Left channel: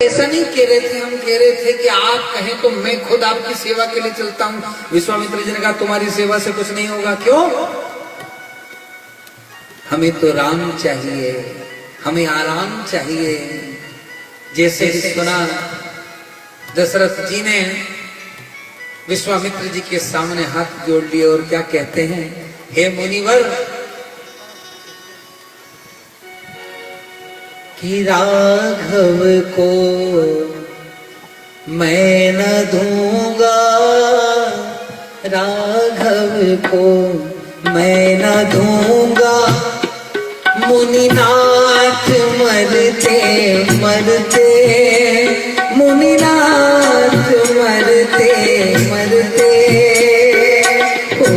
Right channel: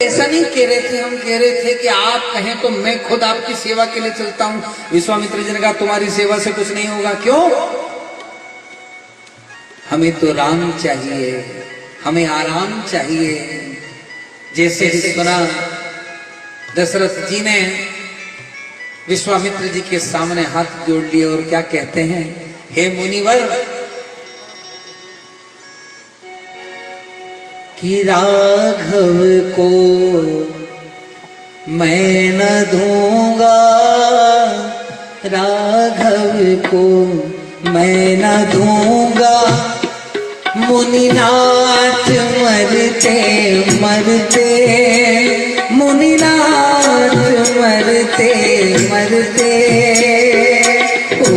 ऐसा नहीं कह रहे थे, हम कह रहे थे कि आप कहें तो मैं खुद आपकी सेवा के लिए चलता हूं। विश्वामित्र जी ने कहा तुम्हारी सेवा से कुछ नहीं होगा। क्यों? हमें तो राम चाहिए, हमें आराम चाहिए। जैसे सुना दशरथ जी ने विश्वामित्र जी के सामने हाथ जोड़ लिए और क्या कहते हैं, हे मुनिवर, कि राघव को मैं न दूंगा, राघव को मैं न दूंगा, मुनिनाथ मरते मरते, मुनिनाथ मरते मरते, ओ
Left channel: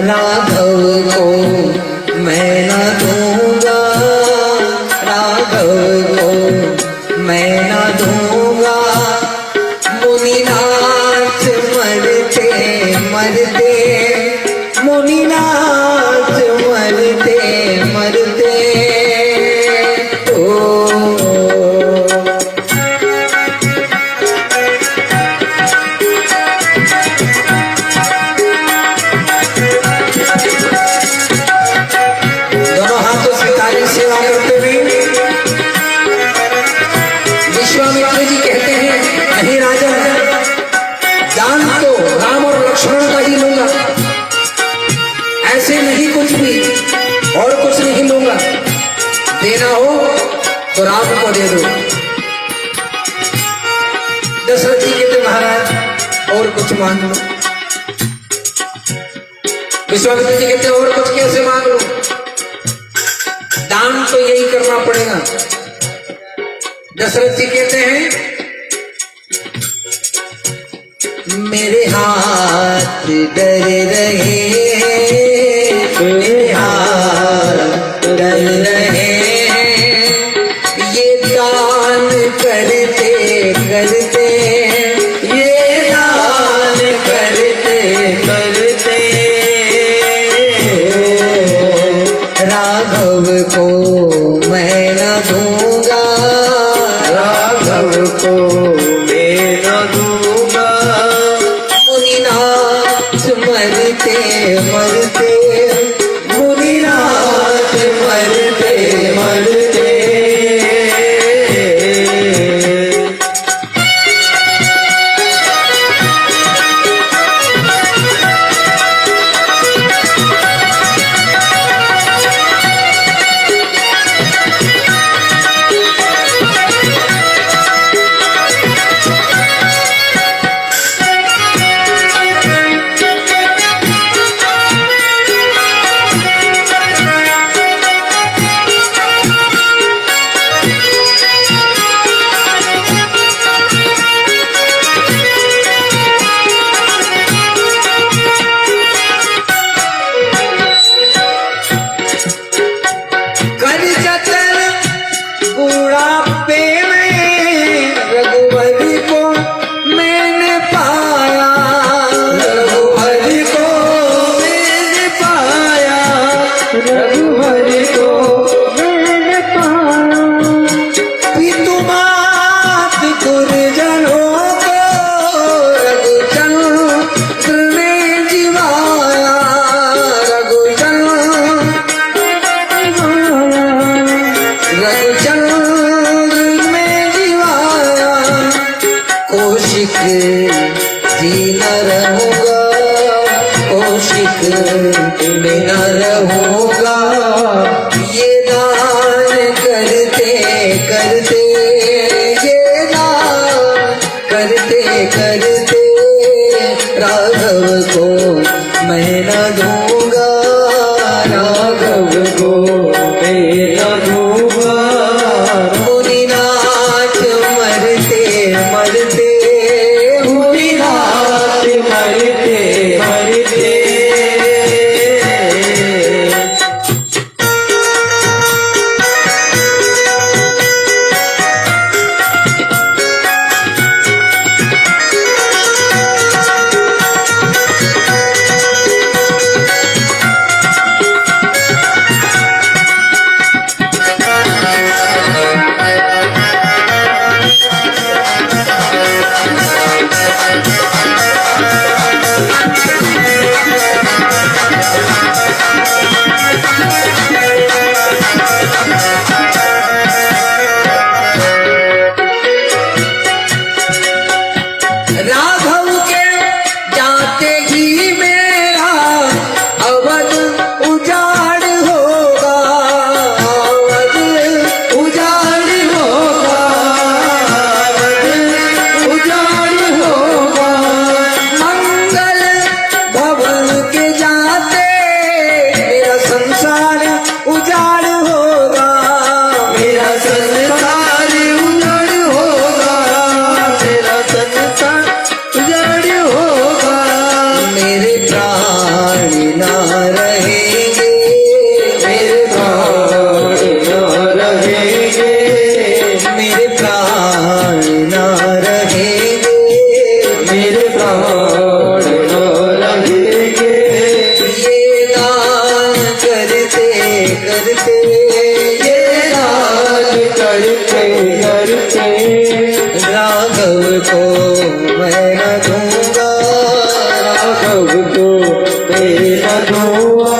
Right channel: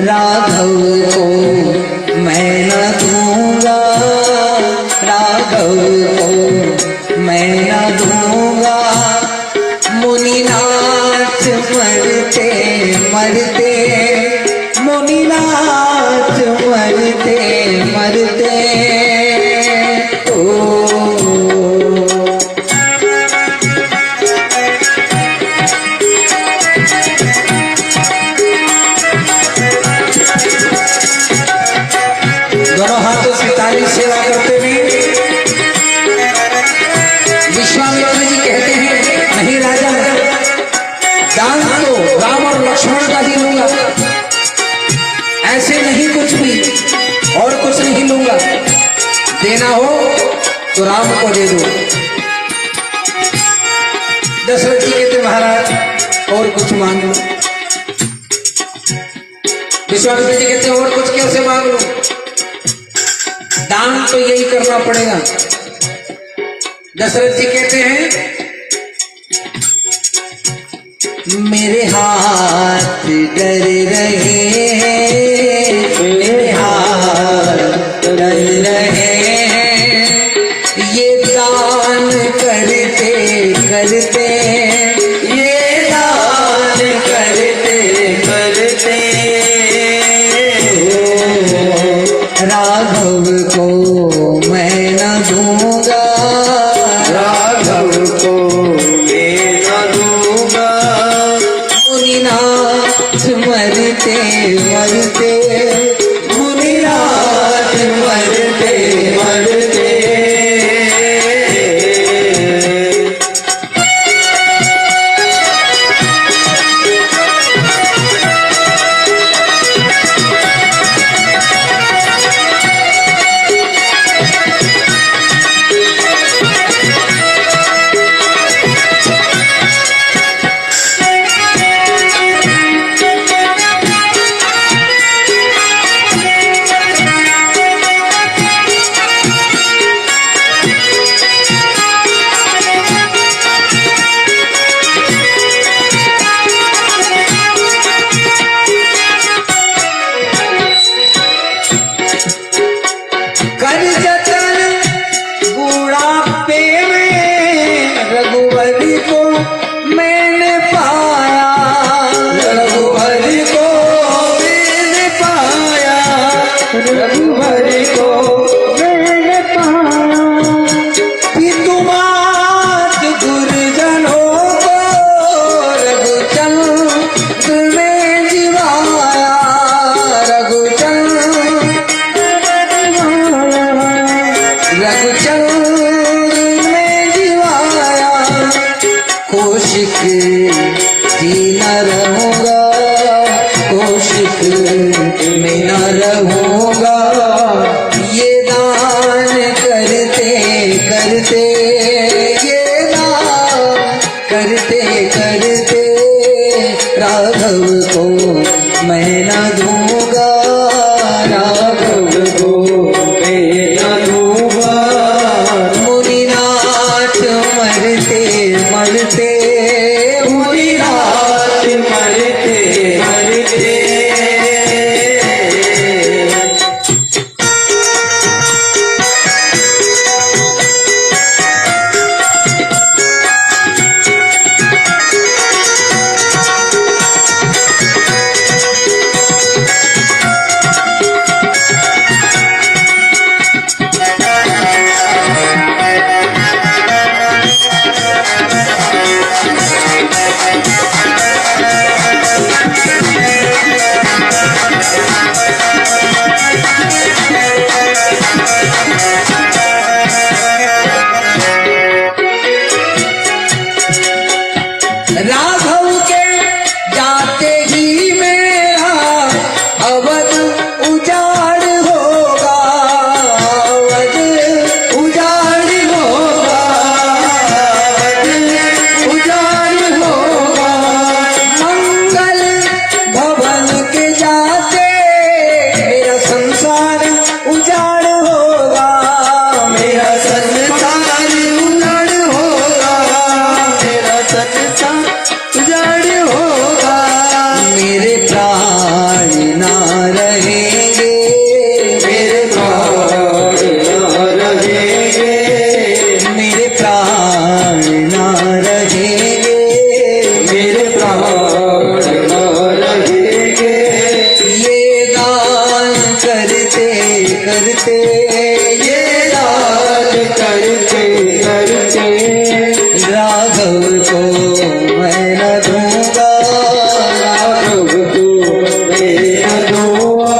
राघव को मैं न दूंगा, राघव को मैं न दूंगा, मुनिनाथ मरते मरते, मुनिनाथ मरते मरते, ओ दोनों हाथों से ताली सेवा करते हुए विश्वामित्र जी कहते हैं, नहीं राजा, दान तो राम और लक्ष्मण का ही लूंगा, ऐसे नहीं कुछ भी और कुछ नहीं लूंगा, देना हो तो राम को दे दो। दशरथ जी कहते महाराज और कुछ मांग लो। विश्वामित्र जी कहते और कुछ कैसे मांग लो, दान तो यही करना पड़ेगा। दशरथ जी कहते हैं, मेरे हाथ डर रहे, मेरे हाथ डर रहे, ये दान करते करते, ये दान करते करते, राघव को मैं न दूंगा, राघव को मैं न दूंगा, मुनिनाथ मरते मरते, मुनिनाथ मरते मरते, कर जतन बुढ़ापे में रघुवर को मैंने पाया, रघुवर को मैंने पाया, रघुवर को मैंने पाया, पितुमात गुरुजनों को रघुचंद्र में जिवाया, रघुचंद्र में जिवाया, कौशिक जी न रहूंगा, कौशिक में न रहूंगा, ये दान करते करते, ये दान करते करते, राघव को मैं न दूंगा, राघव को मैं न दूंगा, मुनिनाथ मरते मरते, मुनिनाथ मरते मरते, प्राण ना रहेंगे, मेरे प्राण ना रहेंगे। ये गान करते करते, ये गान करते करते, राघव को मैं न दूंगा, राघव को मैं न दूंगा।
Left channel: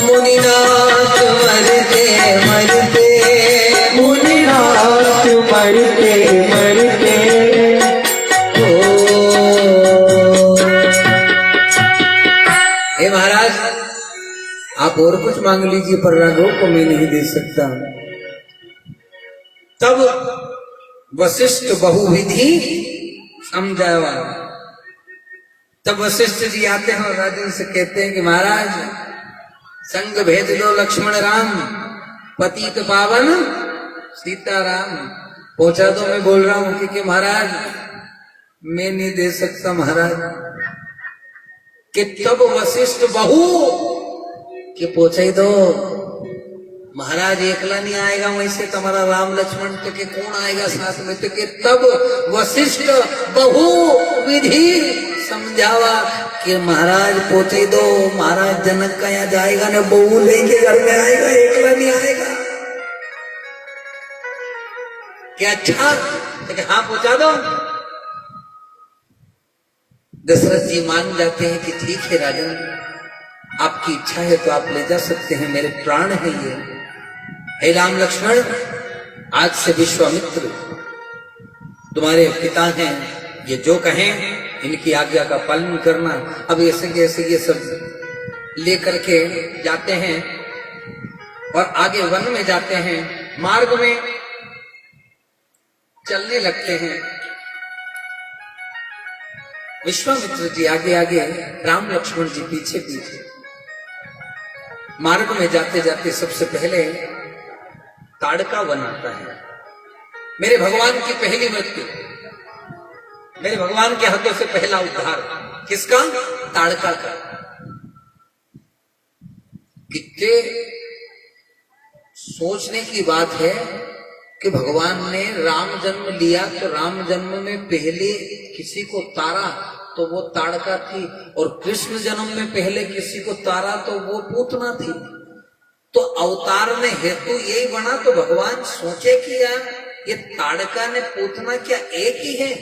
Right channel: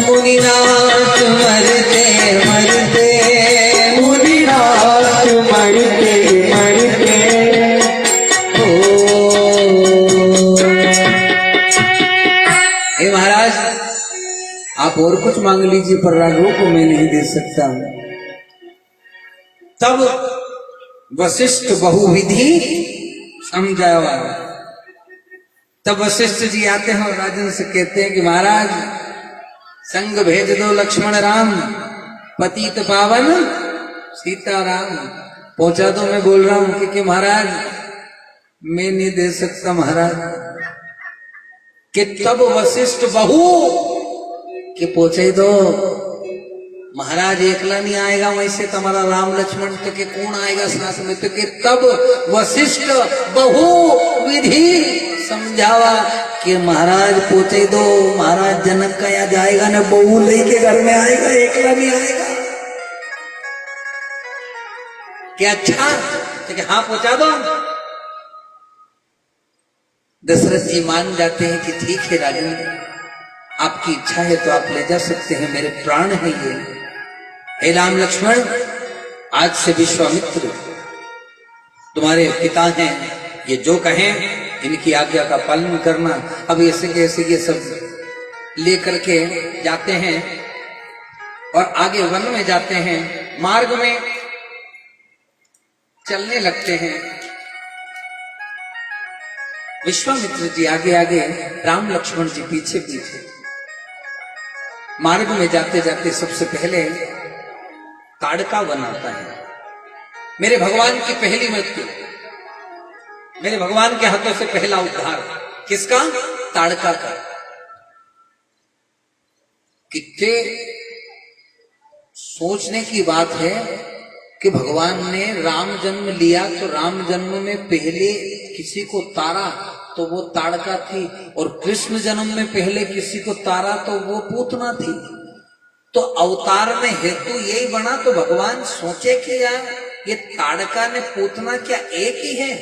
मुनिनाथ मरते मरते, मुनिनाथ मरते मरते, हे महाराज आप और कुछ मांग लीजिए पर राघव को मैं नहीं दे सकता। तब वशिष्ठ बहुविधि समझावा। तब वशिष्ठ जी आते हैं और राजन से कहते हैं कि महाराज संग भेज दो लक्ष्मण राम, पतित पावन सीताराम। पहुंचा दो, मैं बोल रहा हूं कि महाराज मैं नहीं दे सकता महाराज। कि तब वशिष्ठ बहु कि पहुंचे दो महाराज, एकला नहीं आएगा वैसे तुम्हारा राम लक्ष्मण तो के कौन आएगा साथ में। तो कि तब वशिष्ठ बहु विधि समझावा कि महाराज पहुंचे दो, महाराज जनक का यहाँ जाएगा ना, बहू लेके घर में आएगा, एकला नहीं आएगा। क्या अच्छा? तो कि हाँ पहुंचा दो। दशरथ जी मान जाते हैं कि ठीक है राजन, आपकी इच्छा है तो आप ले जा सकते हैं, मेरे प्राण है ये। हे राम लक्ष्मण, आज से विश्वामित्र तुम्हारे पिता हैं, ये जो कहें इनकी आज्ञा का पालन करना। अब ऐसे कैसे ये सब लेकर के जाते हैं और आगे वन में जाते हैं। मार्ग में चलने लगते हैं। विश्वामित्र जी आगे आगे, राम लक्ष्मण जी पीछे पीछे। मार्ग में जाते जाते सबसे पहले ताड़का वन आता है। मेरे भगवान की पहली मृत्यु, मेरे भगवान के हाथों से पहला उद्धार किसका? ताड़का का। कितने सोचने की बात है कि भगवान ने राम जन्म लिया तो राम जन्म में पहले किसी को तारा तो वो ताड़का थी, और कृष्ण जन्म में पहले किसी को तारा तो वो पूतना थी। तो अवतार में हेतु यही बना। तो भगवान सोचे कि यार ये ताड़का ने पूतना क्या एक ही है?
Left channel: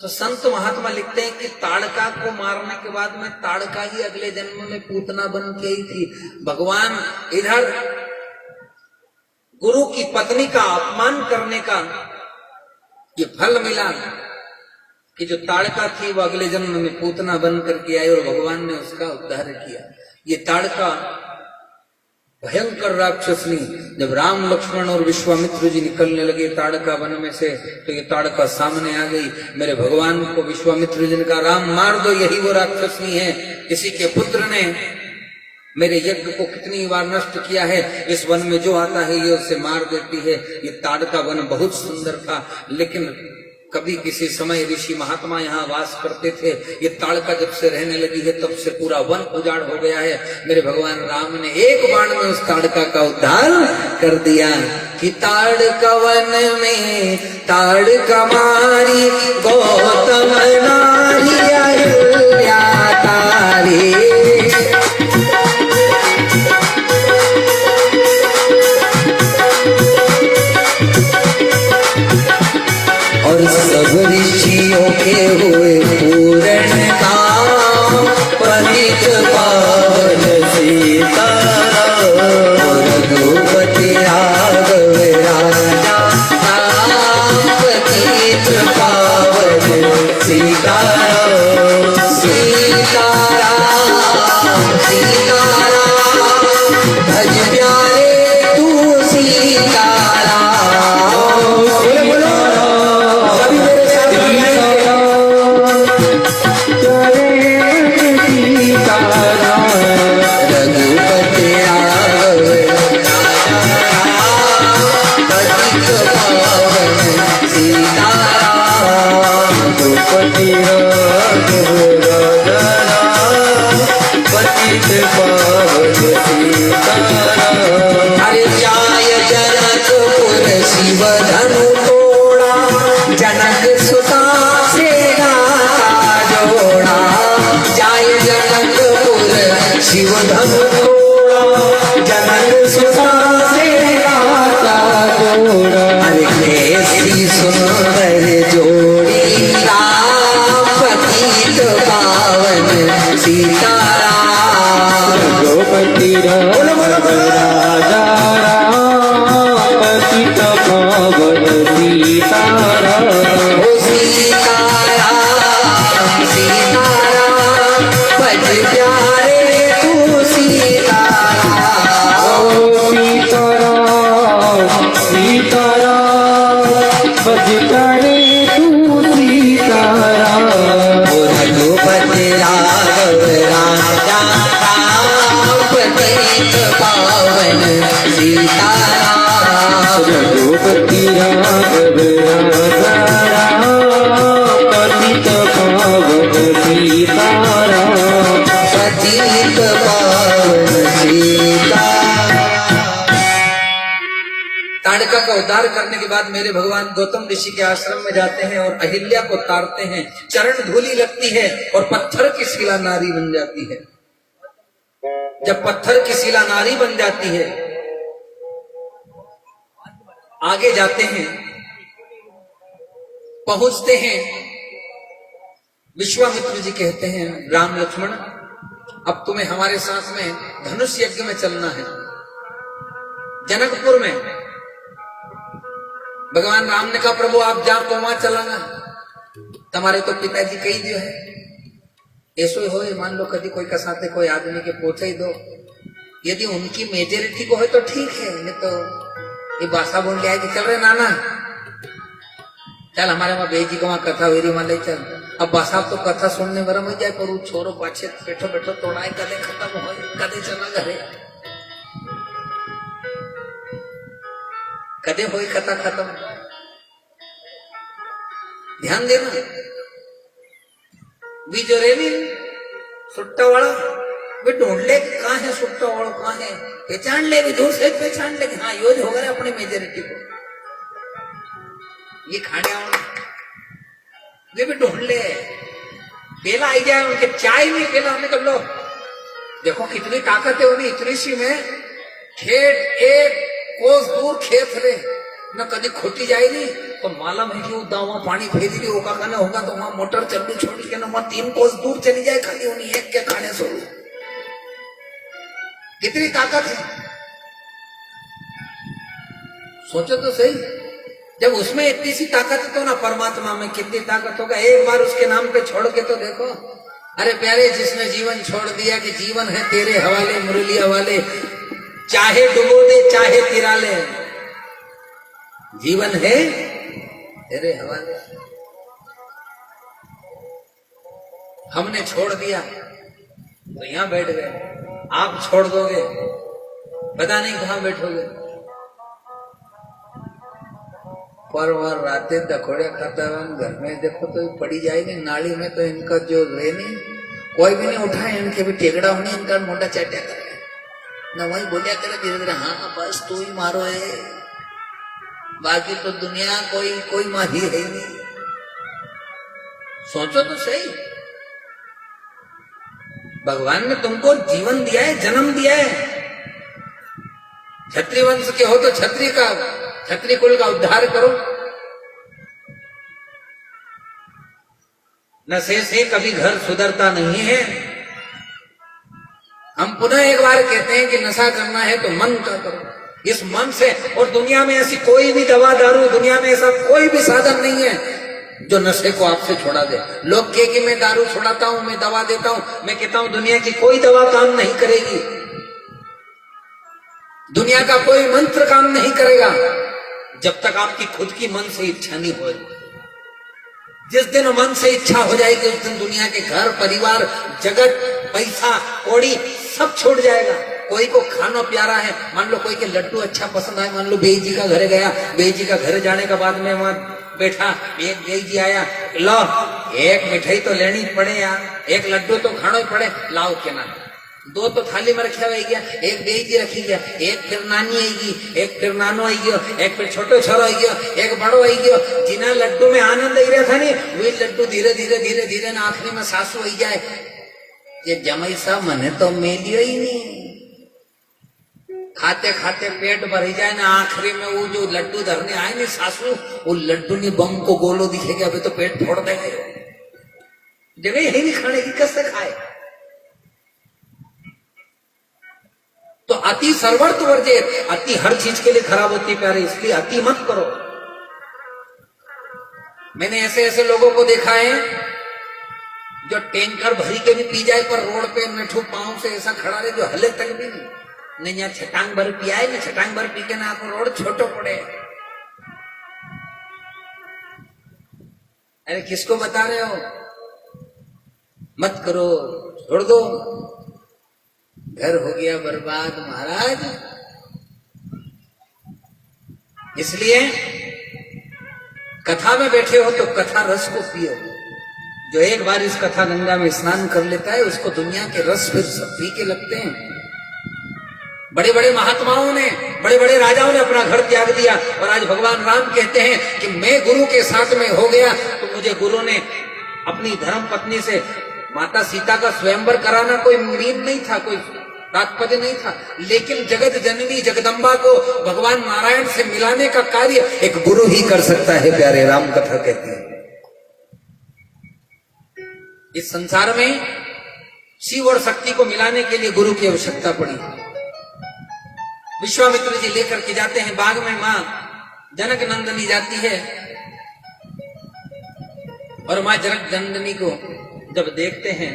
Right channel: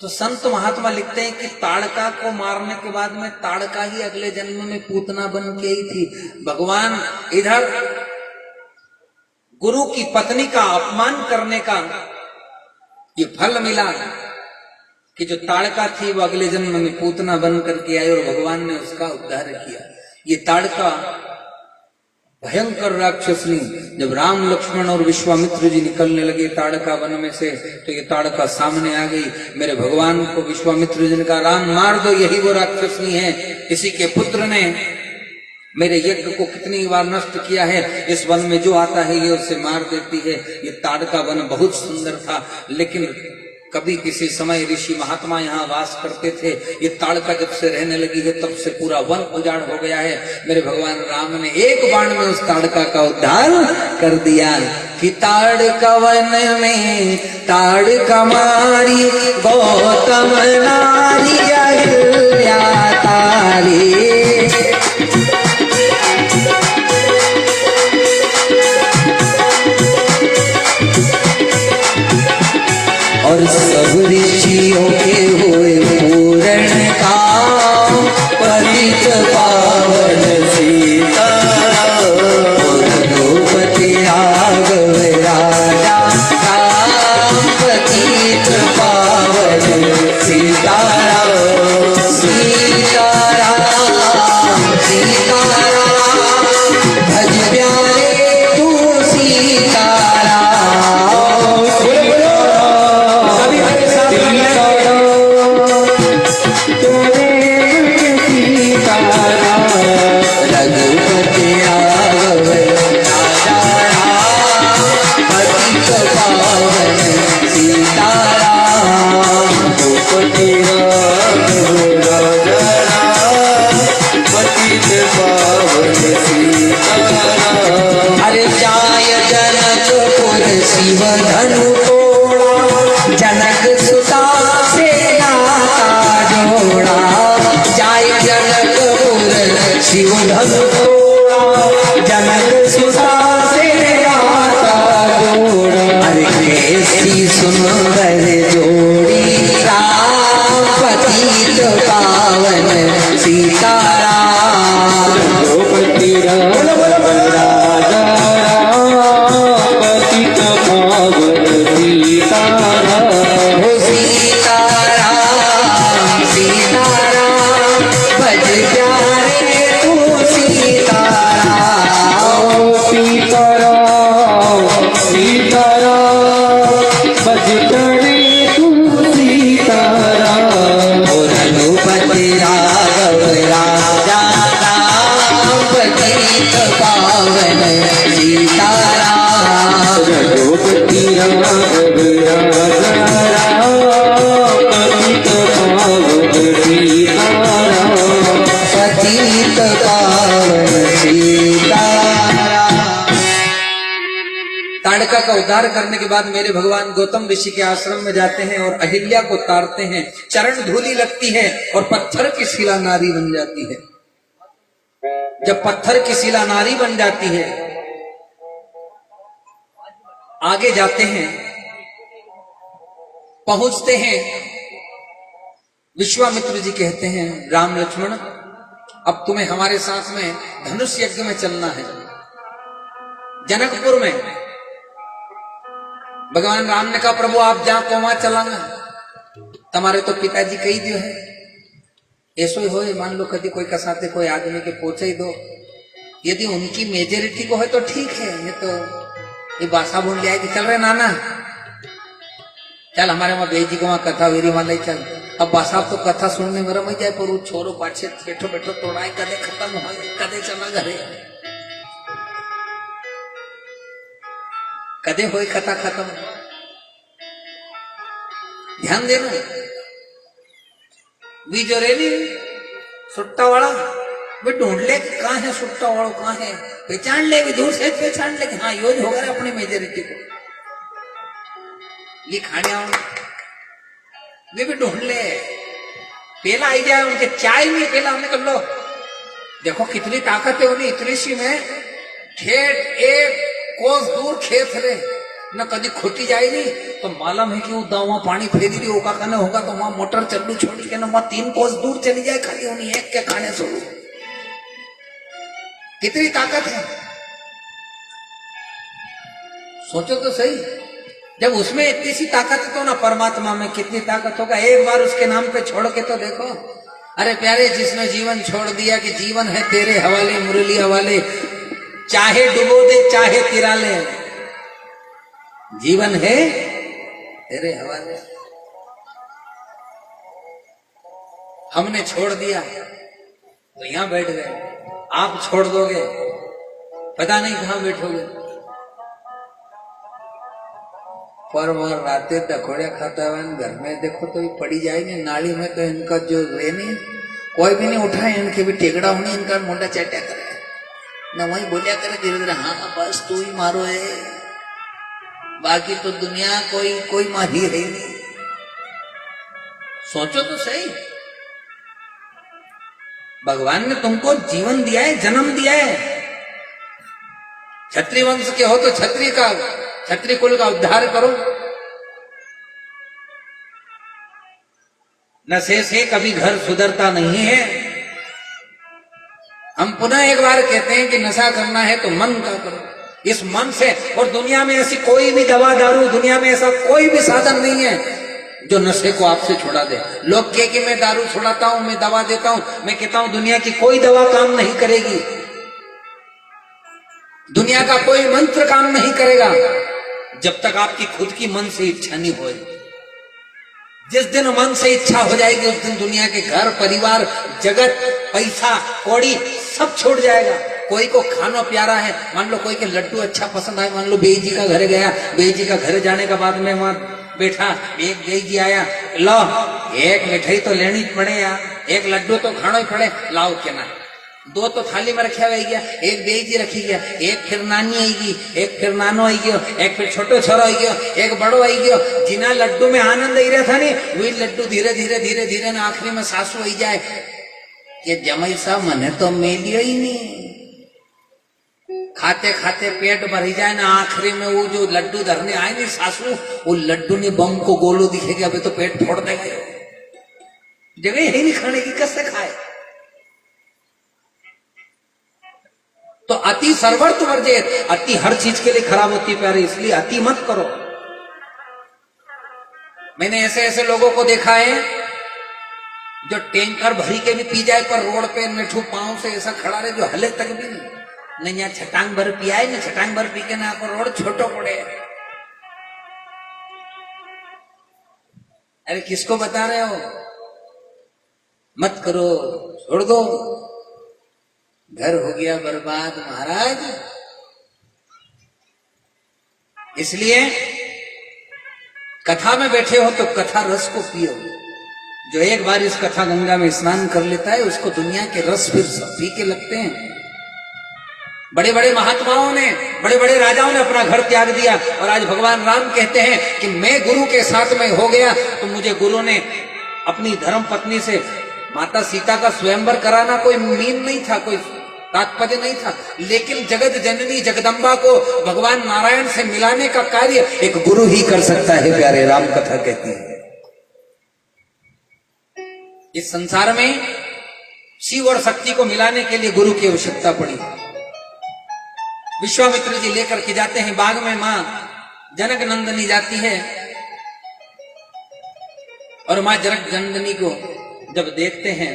तो संत महात्मा लिखते हैं कि ताड़का को मारने के बाद में ताड़का ही अगले जन्म में पूतना बन के ही थी। भगवान इधर गुरु की पत्नी का अपमान करने का ये फल मिला कि जो ताड़का थी वो अगले जन्म में पूतना बन करके आई और भगवान ने उसका उद्धार किया। ये ताड़का भयंकर राक्षसनी, जब राम लक्ष्मण और विश्वामित्र जी निकलने लगे ताड़का वन में से, तो ये ताड़का सामने आ गई। मेरे भगवान को विश्वामित्र जी ने कहा राम मार दो, यही वो राक्षसनी है। किसी के पुत्र ने मेरे यज्ञ को कितनी बार नष्ट किया है, इस वन में जो आता है ये उसे मार देती है। ये ताड़का वन बहुत सुंदर था, लेकिन कभी किसी समय ऋषि महात्मा यहाँ वास करते थे। ये ताड़का जब से रहने लगी है तब से पूरा वन उजाड़ हो गया है। मेरे भगवान राम ने एक बाण में उस ताड़का का उद्धार कर दिया कि ताड़का वन में ताड़का मारी, गौतम नारी अहिल्या तारी। और सब ऋषियों के हुए पूर्ण काम, पतित पावन सीता। रघुपति राघव राजा राम, पतित पावन सीताराम। सीताराम सीताराम, भज प्यारे तू सीताराम। शिव धनु तोड़ा जनक सुता से नाता जोड़ा जाय जनकपुर शिव धनु तोड़ा जनक सुता से नाता जोड़ा अरे कैसी सुंदर जोड़ी राम पतित पावन सीताराम रघुपति बोलो बोलो बोलो राजा पतित पावन सीताराम हो सीताराम सीताराम भज प्यारे तू सीताराम हो सीताराम सीताराम भज प्यारे तू सीताराम हो रघुपति राघव राजा राम पतित पावन सीताराम रघुपति राघव राजा राम पतित पावन सीताराम पतित पावन सीताराम। ताड़का का उद्धार करने के बाद मेरे भगवान गौतम ऋषि के आश्रम में जाते हैं और अहिल्या को ताड़ते हैं। चरण धूलि लगती है और पत्थर की शिला नारी बन जाती है। जब पत्थर की शिला नारी बन जाती है, आगे जाते हैं, पहुंचते हैं। विश्वामित्र जी कहते हैं, राम लक्ष्मण अब तुम्हें हमारे साथ में धनुष यज्ञ में चलना है। जनकपुर में भगवान राम ने कहा, प्रभु आप जहां तो वहां चलाना, तुम्हारे तो पिताजी कही दियो है। ऐसो ही हो, मान लो कभी कोई कसाते कोई आदमी के पहुंचा ही दो, यदि उनकी मेजोरिटी को है तो ठीक है, नहीं तो ये बासा बोल लिया कि चल रहे नाना चल हमारे वहां बेई जी को वहां कथा वेरी वाले चल। अब बासा तो कथा सुनने में रम जाए, पर वो छोरो पाछे बैठो बैठो तोड़ाए, कदे खत्म हो कदे चला घरे, कदे हो कथा खत्म। ध्यान देना, वी जो रेनी सुट्टा वाला वे ढूंढ ले कहाँ है सुट्टा वाला, कहाँ है, पहचान ले, दूर से पहचान ले कि हाँ योज होगा अपनी मेजोरिटी को, ये खाने आओ वे भी ढूंढ ले। पहला आई जाए उनके चाय नहीं, पहला हमने कर लो, देखो कितनी ताकत है उन्हें, इतनी सी में खेत एक कोस दूर खेत रे न कभी खोटी जाए नहीं, तो मालूम है कि वो दावा पानी फेरी दी होगा खाना होगा तो वहां मोटर चलू छोड़ी के ना वहां 3 कोस दूर चली जाए, खाली उन्हीं एक के खाने से। कितनी ताकत है सोचो तो सही। जब उसमें इतनी सी ताकत है तो ना परमात्मा में कितनी ताकत होगा। एक बार उसके नाम पे छोड़ के तो देखो। अरे प्यारे, जिसने जीवन छोड़ दिया कि जीवन है तेरे हवाले मुरलिया वाले, चाहे डुबो दे चाहे तिरा ले, जीवन है तेरे हवाले। हमने छोड़ दिया तो यहां बैठ गए, आप छोड़ दोगे पता नहीं कहां बैठोगे। पर वह रातें दखोड़े खाता हुआ घर में देखो तो ये पड़ी जाएगी नाली में, तो इनका जो वे नहीं कोई भी नहीं उठाए, इनके भी टेकड़ा होने, इनका मोटा चैटा करे न वही बोलिया करे धीरे धीरे, हाँ बस तू ही मारो है, बाकी तो दुनिया कोई मारी है ही नहीं। सोचो तो सही, भगवान ने तुमको जीवन दिया है, जन्म दिया है। क्षत्रिय वंश के हो तो क्षत्रिय कुल का उद्धार करो। नशे से कभी घर सुधरता नहीं है। हम पुनः एक बार कहते हैं कि नशा करना है तो मन का करो, इस मन से। और दुनिया में ऐसी कोई भी दवा दारू, दुनिया में ऐसा कोई भी साधन नहीं है जो नशे को आपसे छुड़ा दे। लोग कहे कि मैं दारू छुड़ाता हूं, मैं दवा देता हूं, मैं कहता हूं दुनिया की कोई दवा काम नहीं करेगी, दुनिया का कोई मंत्र काम नहीं करेगा जब तक आपकी खुद की मन से इच्छा नहीं हो। जिस दिन मन से इच्छा हो जाएगी उस दिन दुनिया के घर परिवार जगत पैसा कौड़ी सब छूट जाएगा। कोई को खाना प्यारा है, मान लो कोई के लड्डू अच्छा पसंद आए, मान लो बेई जी का घर गया, बेई जी का घर जाने के बाद में वहां बैठा, एक बेई जी आया, लो एक मिठाई तो लेनी पड़े यार, एक लड्डू तो खाना ही पड़े, लाओ के ना दो तो थाली में रखा हुआ गया, एक बेजी रखी गया, एक फिर नानी आएगी, एक फिर नानो आई गयो, एक फिर छोटो छोरो आई गयो, एक बड़ो आई गयो। जिना लड्डू में आनंद आई रहा था नहीं, वही लड्डू धीरे धीरे धीरे धीरे ना आखिरी में सासू आई जाए, ये जमाई साहब मने तो मेलियो ही नहीं। खाते खाते पेट भर जाए ना, आखिरी में वो जो लड्डू धरने आए नहीं सासू, वो लड्डू में बम को गोलो दिखेगा, अभी तो पेट फोड़ देगा, जगह यही नहीं खाने की, कैसे खाए। तो अति सर्वर्थ वर्जित, अति हर चीज के लिए खराब होती प्यारे, इसलिए अति मत करो। मैंने ऐसे ऐसे लोगों को देखा है जो टैंकर भरी के भी पी जाए, पर रोड पे नेठू पांव से ऐसा खड़ा रहे जो हले तक भी नहीं यहाँ छटांग भर पिया है, नहीं छटांग भर पी के ना आपको रोड छोटो पड़े। अरे किसको बता रहे हो, मत करो, छोड़ दो, घर हो गया बर्बाद महाराज। इसलिए कथा में बैठे हो तो कथा रस को पियो। जो एक बार इस कथा गंगा में स्नान कर लेता है, उसको दुनिया के रस फिर सब फीके लगते हैं। बड़े बड़े महात्माओं ने, बड़े बड़े राजाओं ने अपना घर त्याग दिया, और आज भगवान राम कहते हैं कि मैं गुरु के साथ में हो गया तो मुझे गुरु ने अपनी धर्म पत्नी से माता सीता का स्वयंवर कराना कोई मीन नहीं था, कोई तात्पर्य नहीं था, लेकिन जगत जननी जगदम्बा को भगवान नारायण से मिलाने का कार्य एक गुरु ही कर सकता है। प्यारे राम कथा कहती है इस संसार में शिव और शक्ति को मिलाने के लिए गुरु की आवश्यकता पड़ी। विश्वामित्र जी लेकर के जाते हैं बाग में, मां जनक नंदनी जाती है, और मां जनक नंदनी को जब देखते हैं,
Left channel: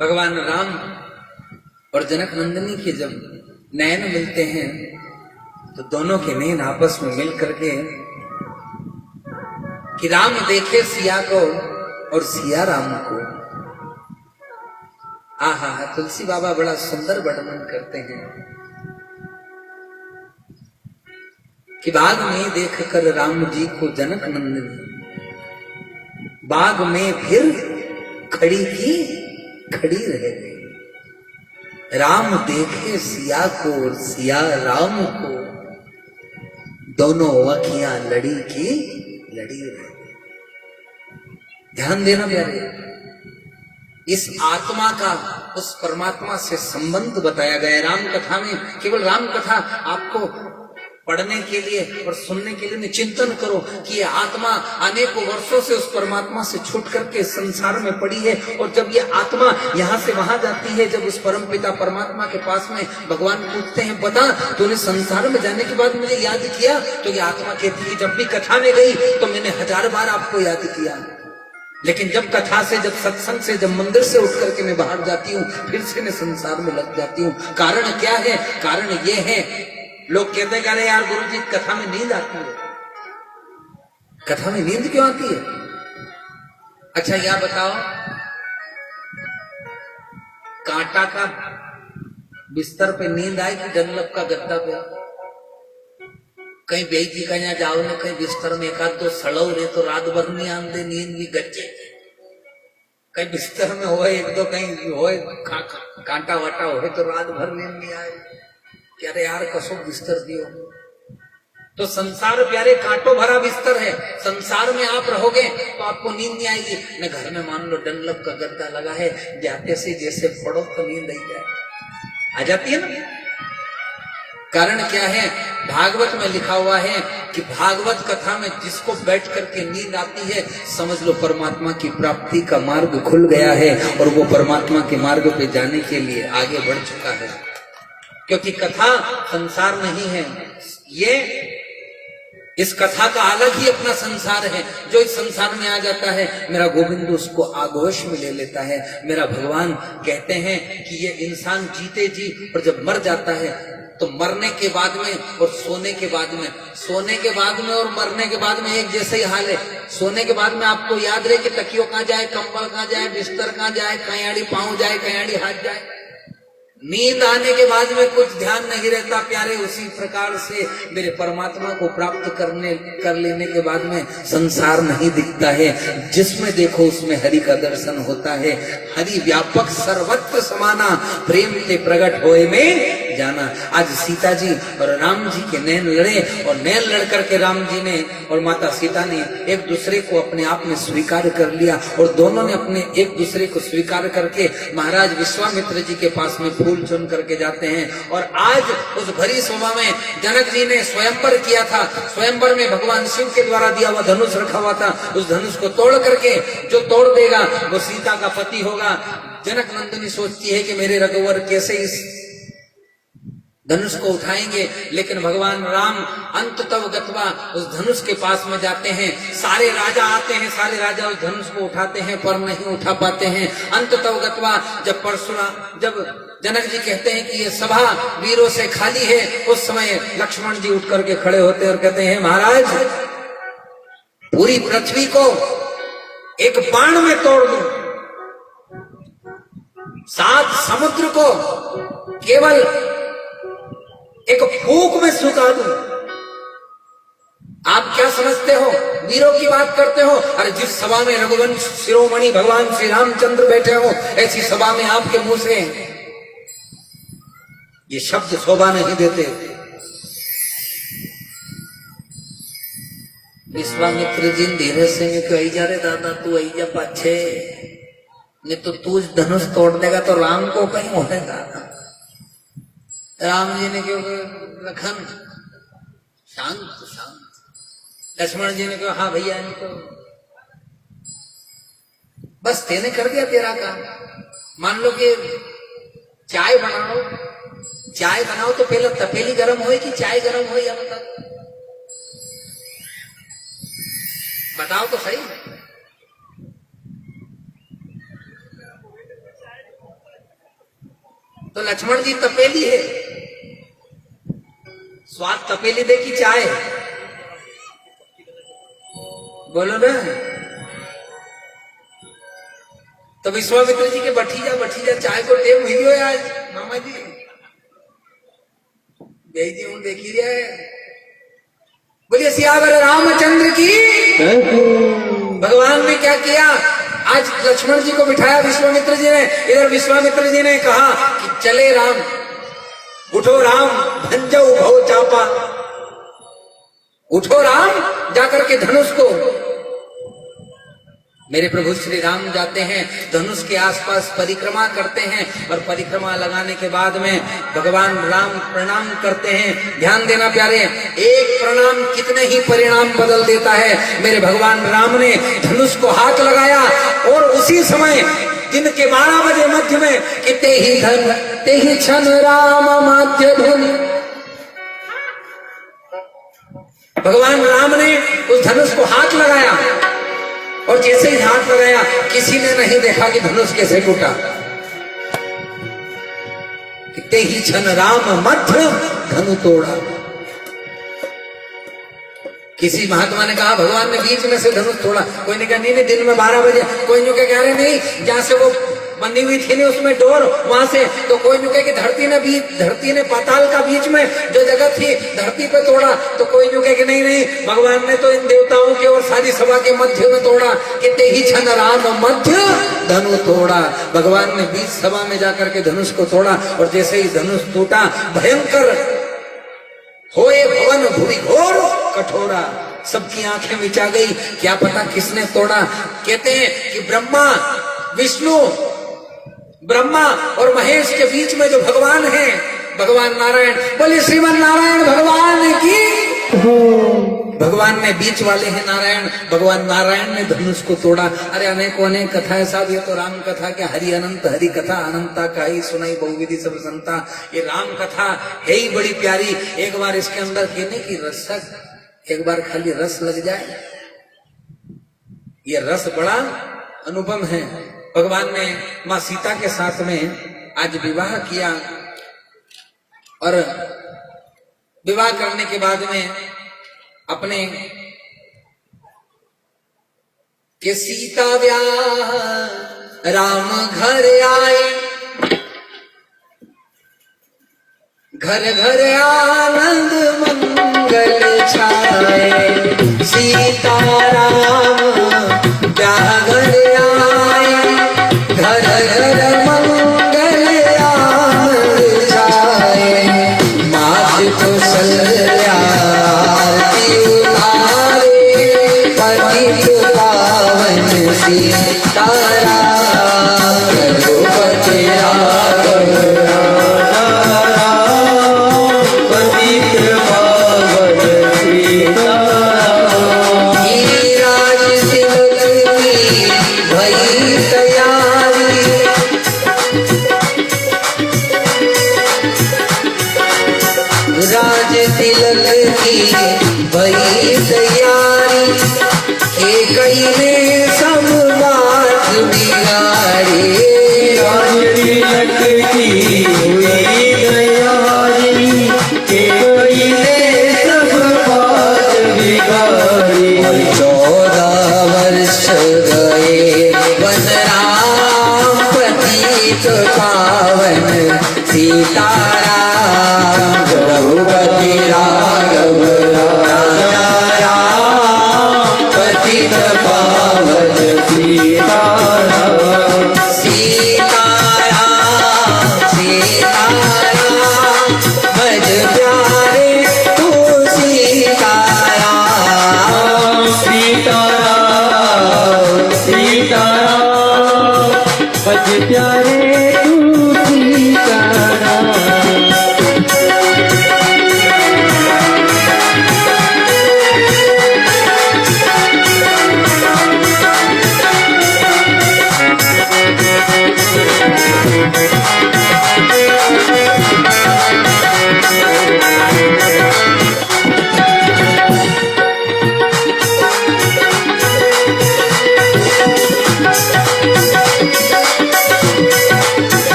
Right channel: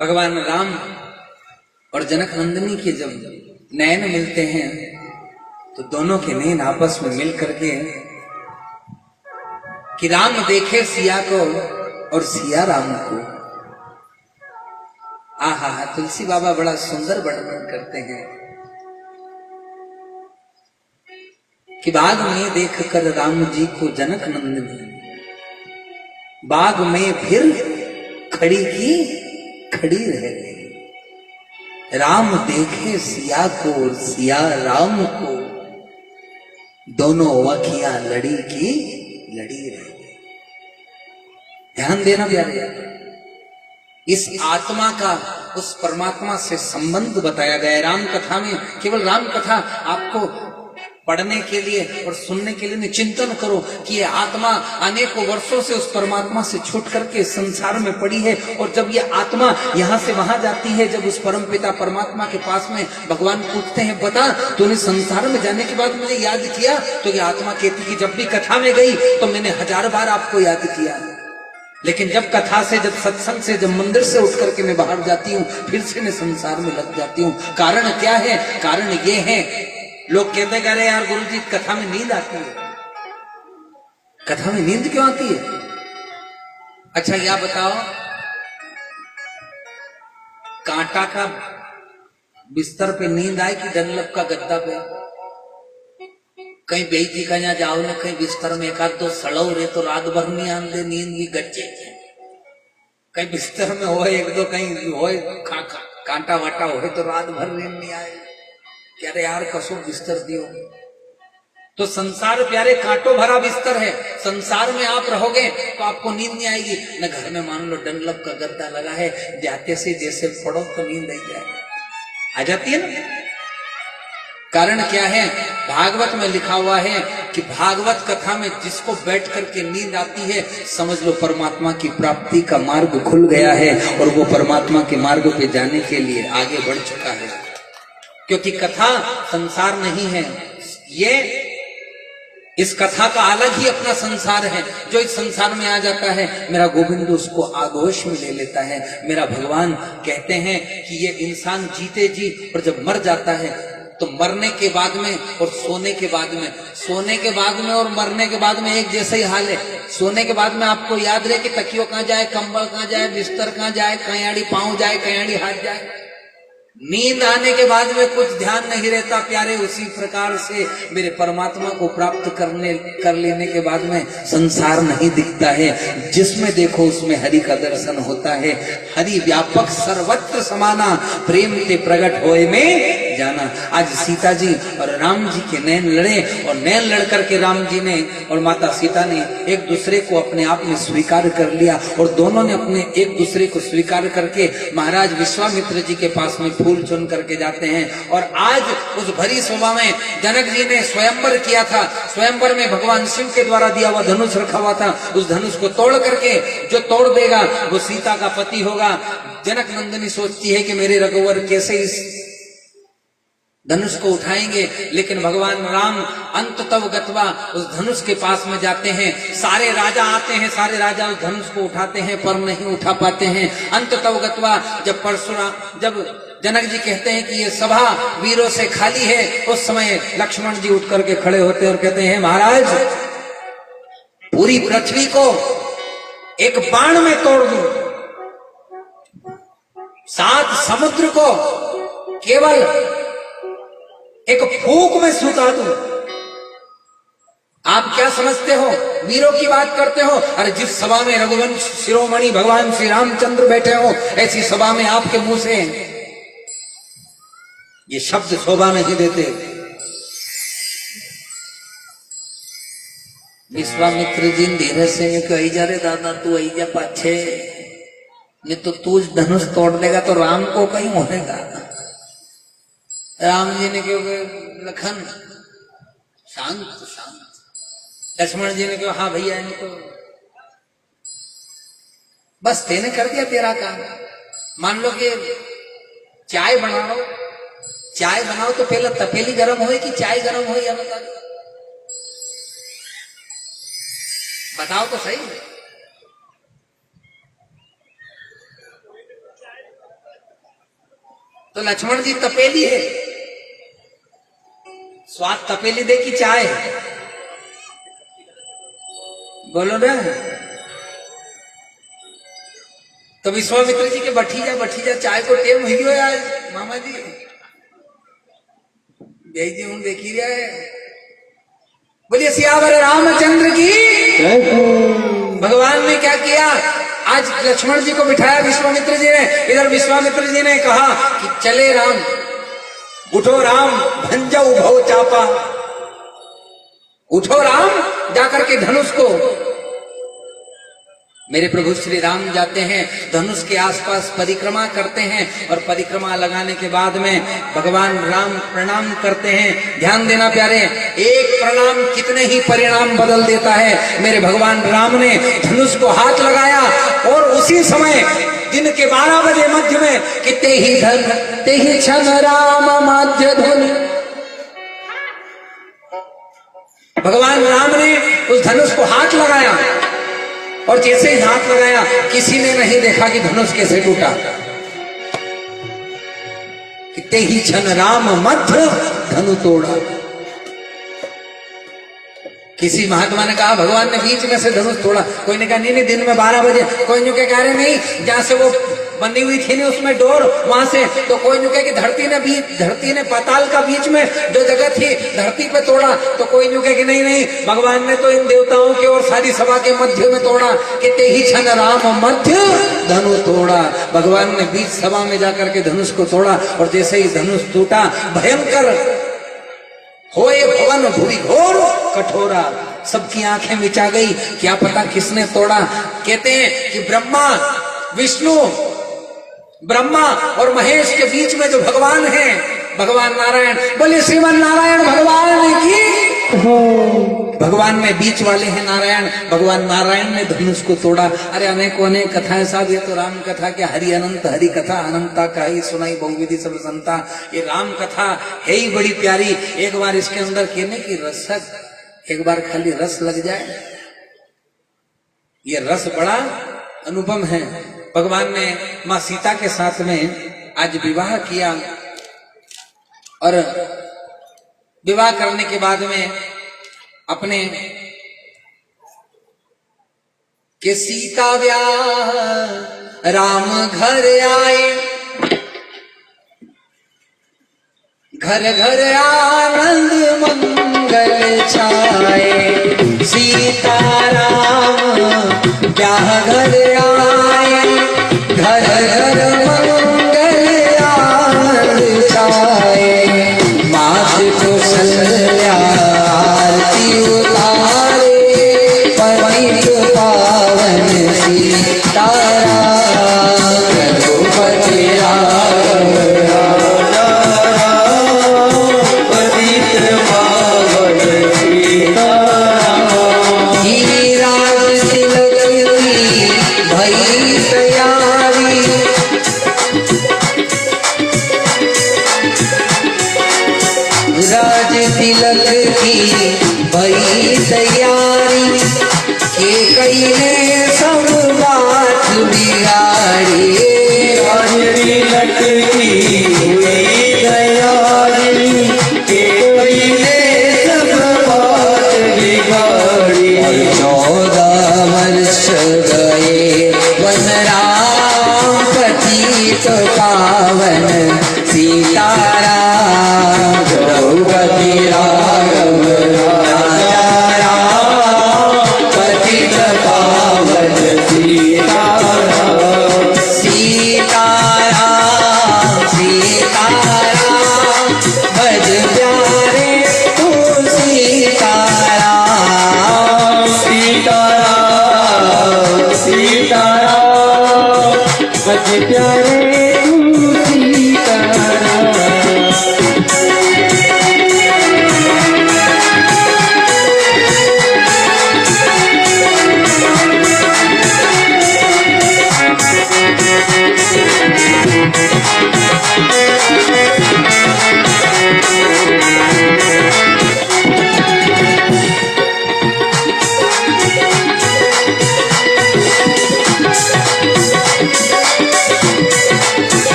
भगवान राम और जनक नंदनी के जब नयन मिलते हैं, तो दोनों के नयन आपस में मिल करके कि राम देखे सिया को और सिया राम को। आहा, तुलसी बाबा बड़ा सुंदर वर्णन करते हैं कि बाग में देखकर राम जी को जनक नंदनी, बाग में फिर खड़ी की खड़ी रह गई। राम देखे सिया को और सिया राम को, दोनों अखियां लड़ी की लड़ी रह गई। ध्यान देना प्यारे, इस आत्मा का उस परमात्मा से संबंध बताया गया है राम कथा में। केवल राम कथा आपको पढ़ने के लिए और सुनने के लिए नहीं, चिंतन करो कि ये आत्मा अनेकों वर्षों से उस परमात्मा से छूट करके संसार में पड़ी है, और जब ये आत्मा यहाँ से वहां जाती है, जब उस परमपिता परमात्मा के पास में भगवान पूछते हैं बता तूने संसार में जाने के बाद मुझे याद किया, तो ये आत्मा कहती है जब भी कथा में गई तो मैंने 1000 बार आपको याद किया, लेकिन जब कथा से, जब सत्संग से, जब मंदिर से उठ करके मैं बाहर जाती हूँ, फिर से मैं संसार में लग जाती हूँ। कारण क्या है? कारण ये है, लोग कहते कह रहे यार गुरुजी कथा में नींद आती है। कथा में नींद क्यों आती है? अच्छा क्या बताओ, कांटा का बिस्तर पे नींद आए कि डनलप का गद्दा पे? कहीं बेटी का यहाँ जाओ ना, कहीं बिस्तर में एकाध दो सड़ो रे तो रात भर नहीं आंदे नींद की गच्चे। कहीं बिस्तर में हो एक दो, कहीं हो कांटा वाटा हो तो रात भर नींद नहीं आए। क्या रे यार कसो बिस्तर दियो। तो संसार प्यारे कांटों भरा बिस्तर है, संसार में आप रहोगे तो आपको नींद नहीं आएगी। न घर में मान लो डनलप का गद्दा लगा है, जाते से जैसे पड़ो तो नींद आ जाती है ना। कारण क्या है? भागवत में लिखा हुआ है कि भागवत कथा में जिसको बैठ करके नींद आती है, समझ लो परमात्मा की प्राप्ति का मार्ग खुल गया है, और वो परमात्मा के मार्ग पे जाने के लिए आगे बढ़ चुका है। क्योंकि कथा संसार नहीं है, ये इस कथा का अलग ही अपना संसार है। जो इस संसार में आ जाता है, मेरा गोविंद उसको आगोश में ले लेता है। मेरा भगवान कहते हैं कि ये इंसान जीते जी, और जब मर जाता है तो मरने के बाद में और सोने के बाद में, सोने के बाद में और मरने के बाद में एक जैसा ही हाल है। सोने के बाद में आपको याद रहे कि तकियो कहाँ जाए, कंबल कहाँ जाए, बिस्तर कहाँ जाए, कयाड़ी पांव जाए, कयाड़ी हाथ जाए। नींद आने के बाद में कुछ ध्यान नहीं रहता प्यारे, उसी प्रकार से मेरे परमात्मा को प्राप्त कर लेने के बाद में संसार नहीं दिखता है। जिसमें देखो उसमें हरि का दर्शन होता है। हरि व्यापक सर्वत्र समाना, प्रेम के प्रकट होए में जाना। आज सीता जी और राम जी के नैन लड़े, और नैन लड़ करके राम जी ने और माता सीता ने एक दूसरे को अपने आप में स्वीकार कर लिया, और दोनों ने अपने एक दूसरे को स्वीकार करके महाराज विश्वामित्र जी के पास में फूल चुन करके जाते हैं। और आज उस भरी सभा में जनक जी ने स्वयंवर किया था। स्वयंवर में भगवान शिव के द्वारा दिया हुआ धनुष रखा हुआ था। उस धनुष को तोड़ करके जो तोड़ देगा वो सीता का पति होगा। जनक नंदिनी सोचती है कि मेरे रघुवर कैसे इस धनुष को उठाएंगे, लेकिन भगवान राम अंततः गत्वा उस धनुष के पास में जाते हैं। सारे राजा आते हैं, सारे राजा उस धनुष को उठाते हैं पर नहीं उठा पाते हैं। अंततः गत्वा जब जनक जी कहते हैं कि ये सभा वीरों से खाली है, उस समय लक्ष्मण जी उठ करके खड़े होते हैं और कहते हैं महाराज, पूरी पृथ्वी को एक बाण में तोड़ दूं, 7 समुद्र को केवल एक फूंक में सुता दूं। आप क्या समझते हो, वीरों की बात करते हो? अरे जिस सभा में रघुवंश शिरोमणि भगवान श्री रामचंद्र बैठे हो, ऐसी सभा में आपके मुंह से ये शब्द शोभा नहीं देते। विश्वामित्र जी धीरे से नहीं कही जा रहे दादा तू आई जा पाछे, नहीं तो तू धनुष तोड़ देगा तो राम को कहीं होगा। राम जी ने क्यों लखन शांत शांत। लक्ष्मण जी ने क्यों हाँ भैया इनको बस तेने कर दिया तेरा काम। मान लो कि चाय बनाओ, चाय बनाओ तो पहले तपेली गर्म हो कि चाय गर्म हो, या बताओ तो सही। तो लक्ष्मण जी तपेली है, स्वाद तपेली दे की चाय, बोलो ना। तो विश्वामित्र जी के बठीजा चाय को टेम हुई हो आज मामा जी, यही जी हूं देख लिया है। बोलिए सियावर रामचंद्र की। भगवान ने क्या किया, आज लक्ष्मण जी को बिठाया विश्वामित्र जी ने। इधर विश्वामित्र जी ने कहा कि चले राम, उठो राम, भंजो भव चापा, उठो राम, जाकर के धनुष को। मेरे प्रभु श्री राम जाते हैं, धनुष के आसपास परिक्रमा करते हैं, और परिक्रमा लगाने के बाद में भगवान राम प्रणाम करते हैं। ध्यान देना प्यारे, एक प्रणाम कितने ही परिणाम बदल देता है। मेरे भगवान राम ने धनुष को हाथ लगाया, और उसी समय दिन के 12 बजे मध्य में कि ते ही क्षण राम माध्य धन, भगवान राम ने उस धनुष को हाथ लगाया, और जैसे ही हाथ लगाया किसी ने नहीं देखा कि धनुष कैसे टूटा। कितने ही क्षण राम मध्य धनु तोड़ा। किसी महात्मा ने कहा भगवान ने बीच में से धनुष तोड़ा, कोई ने कहा नहीं दिन में 12 बजे, कोई ने कह रहे नहीं जहां से वो बंधी हुई थी नहीं उसमें डोर वहां से, तो कोई ने कहा कि धरती ने पाताल का बीच में जो जगह थी धरती पे तोड़ा, तो कोई ने कहा कि नहीं भगवान ने तो इन देवताओं के और सारी सभा के मध्य में तोड़ा। कि ते ही क्षण राम मध्य धनु तोड़ा, भगवान ने बीच सभा में जाकर के धनुष को तोड़ा, और जैसे ही धनुष टूटा भयंकर होए भवन भूरी घोर कठोरा, सबकी आंखें मिचा गई। क्या पता किसने तोड़ा। कहते हैं कि विष्णु ब्रह्मा और महेश के बीच में जो भगवान है, भगवान नारायण, बोले श्रीमन नारायण भगवान की। भगवान में बीच वाले हैं नारायण, भगवान नारायण ने धनुष को तोड़ा। अरे अनेकों अनेक कथाएं साहब, ये तो राम कथा क्या, हरि अनंत हरि कथा अनंता का ही सुनाई बहुविधि सब संता। ये राम कथा है ही बड़ी प्यारी। एक बार इसके अंदर कहने की रसक, एक बार खाली रस लग जाए, ये रस बड़ा अनुपम है। भगवान ने मां सीता के साथ में आज विवाह किया, और विवाह करने के बाद में अपने के सीता व्याह राम घर आए, घर घर आनंद मंगल छाए, सीताराम क्या घर आए, घर घर मंगल आनंद छाए। मात कौशल्या आरती उतारे, पतित पावन सीताराम, रघुपति राम तिलक की भई तैयारी, के कई ने सब बात बिगाड़ी। राज तिलक की हुई तैयारी, के कई ने सब बात बिगाड़ी। 14 वर्ष गए वन राम, पतित पावन सीताराम, रघुपति राघव राजा राम, पतित पावन सीताराम। सीताराम सीताराम भज प्यारे तू सीताराम, सीताराम सीताराम भज प्यारे तू सीताराम।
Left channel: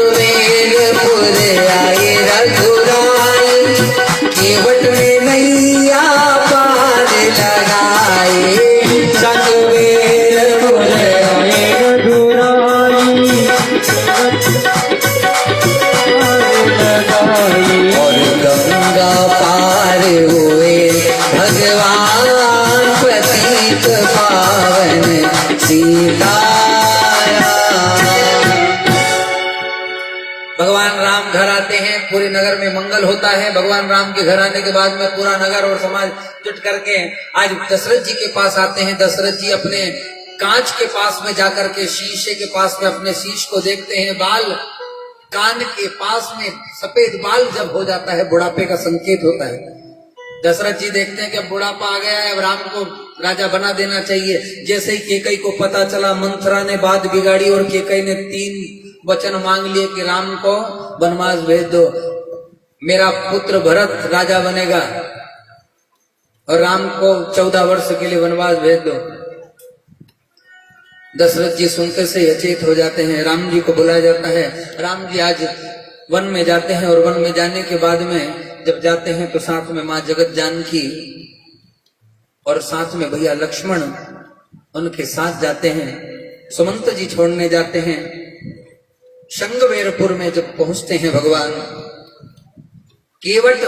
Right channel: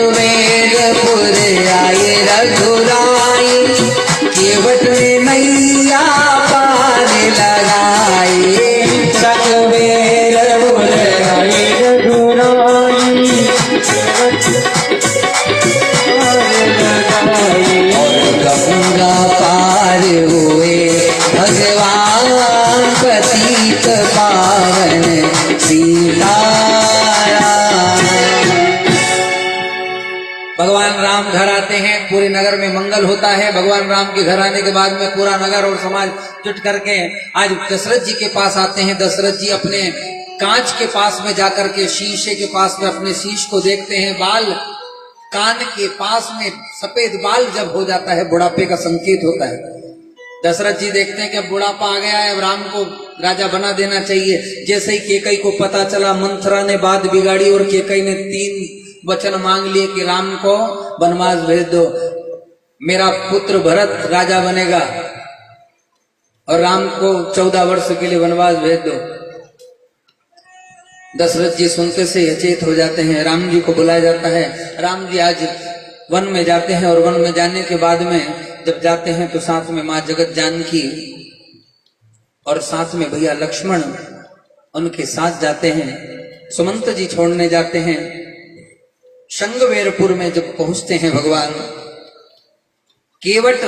श्रृंगवेरपुर आए रघुराई, केवट में नैया पार लगाए। श्रृंगवेरपुर आए रघुराई, और गंगा पार हुए भगवान, पतित पावन सीताराम। भगवान राम घर आते हैं, पूरे नगर में मंगल होता है। भगवान राम के घर आने के बाद में पूरा नगर और समाज जुट करके आज दशरथ जी के पास आते हैं। दशरथ जी अपने कांच के पास में जाकर के, शीशे के पास में अपने शीश को देखते हैं। बाल कान के पास में सफेद बाल जब हो जाता है, बुढ़ापे का संकेत होता है। दशरथ जी देखते हैं कि अब बुढ़ापा आ गया है, अब राम को राजा बना देना चाहिए। जैसे ही केकई को पता चला, मंथरा ने बात बिगाड़ी और केकई ने 3 वचन मांग लिए कि राम को वनवास भेज दो, मेरा पुत्र भरत राजा बनेगा और राम को 14 वर्ष के लिए वनवास भेज दो। दशरथ जी सुनते से अचेत हो जाते हैं। राम जी को बुलाया जाता है। राम जी आज वन में जाते हैं और वन में जाने के बाद में जब जाते हैं तो साथ में माँ जगत जानकी और साथ में भैया लक्ष्मण उनके साथ जाते हैं। सुमंत जी छोड़ने जाते हैं। शंगवेरपुर में जब पहुंचते हैं, भगवान केवट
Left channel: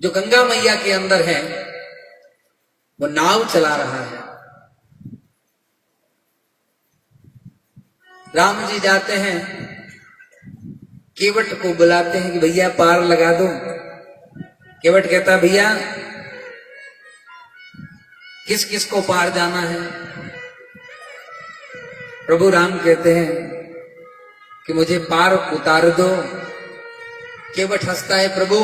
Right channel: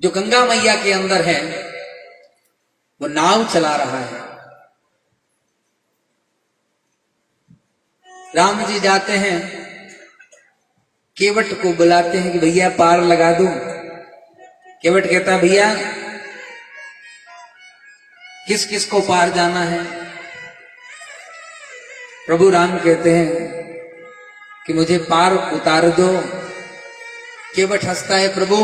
जो गंगा मैया के अंदर है वो नाव चला रहा है। राम जी जाते हैं, केवट को बुलाते हैं कि भैया पार लगा दो। केवट कहता भैया किस किस को पार जाना है? प्रभु राम कहते हैं कि मुझे पार उतार दो। केवट हंसता है, प्रभु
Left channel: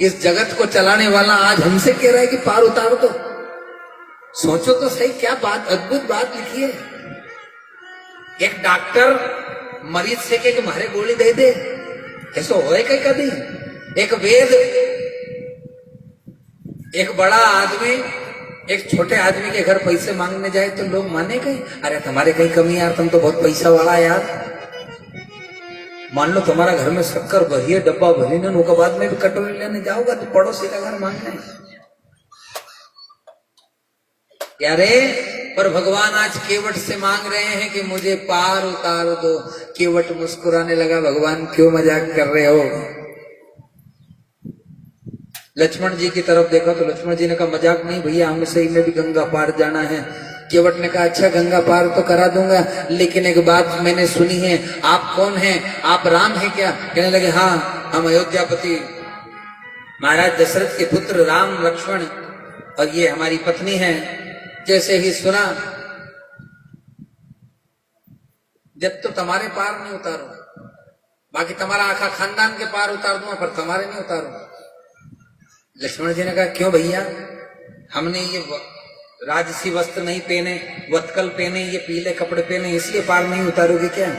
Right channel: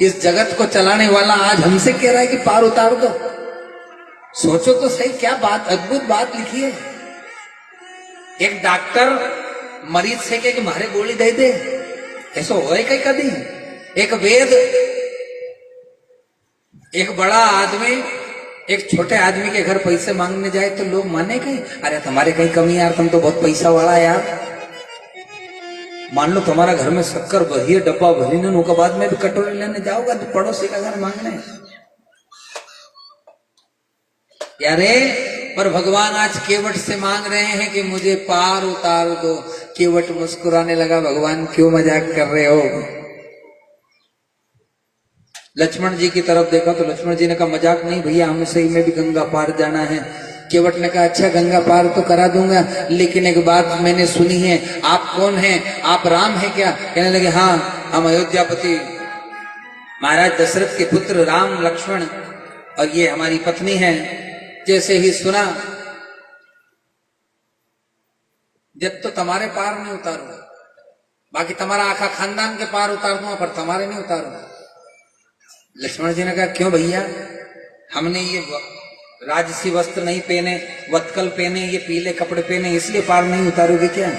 इस जगत को चलाने वाला आज हमसे कह रहा है कि पार उतार दो। सोचो तो सही, क्या बात, अद्भुत बात लिखी है। एक डॉक्टर मरीज से कहे कि मारे गोली दे दे, ऐसा होए कहीं कभी? एक वेद, एक बड़ा आदमी एक छोटे आदमी के घर पैसे मांगने जाए तो लोग माने कहीं? अरे तुम्हारे कहीं कमी यार, तुम तो बहुत पैसा वाला यार। मान लो तुम्हारा घर में शक्कर भरी है, डब्बा भरी ने, उसके बाद में भी कटोरी लेने जाओगा तो पड़ोसी का घर मांगने। यारे पर भगवान आज केवट से मांग रहे हैं कि मुझे पार उतार दो। केवट मुस्कुराने लगा, भगवान क्यों मजाक कर रहे हो। लक्ष्मण जी की तरफ देखा तो लक्ष्मण जी ने कहा मजाक नहीं भैया, हमें सही में भी गंगा पार जाना है। केवट ने कहा अच्छा गंगा पार तो करा दूंगा, लेकिन एक बात मैंने सुनी है, आप कौन हैं, आप राम हैं क्या। कहने लगे हाँ हम अयोध्यापति महाराज दशरथ के पुत्र राम लक्ष्मण और ये हमारी पत्नी है। जैसे ही सुना, जब तो तुम्हारे पार नहीं उतारूंगा, बाकी तुम्हारा आखा खानदान के पार उतार दूंगा, पर तुम्हारे नहीं उतारूंगा। लक्ष्मण जी ने कहा क्यों भैया, हमने ये राजसी वस्त्र नहीं पहने, वत्कल पहने, ये पीले कपड़े पहने, इसलिए पार नहीं उतारोगे क्या।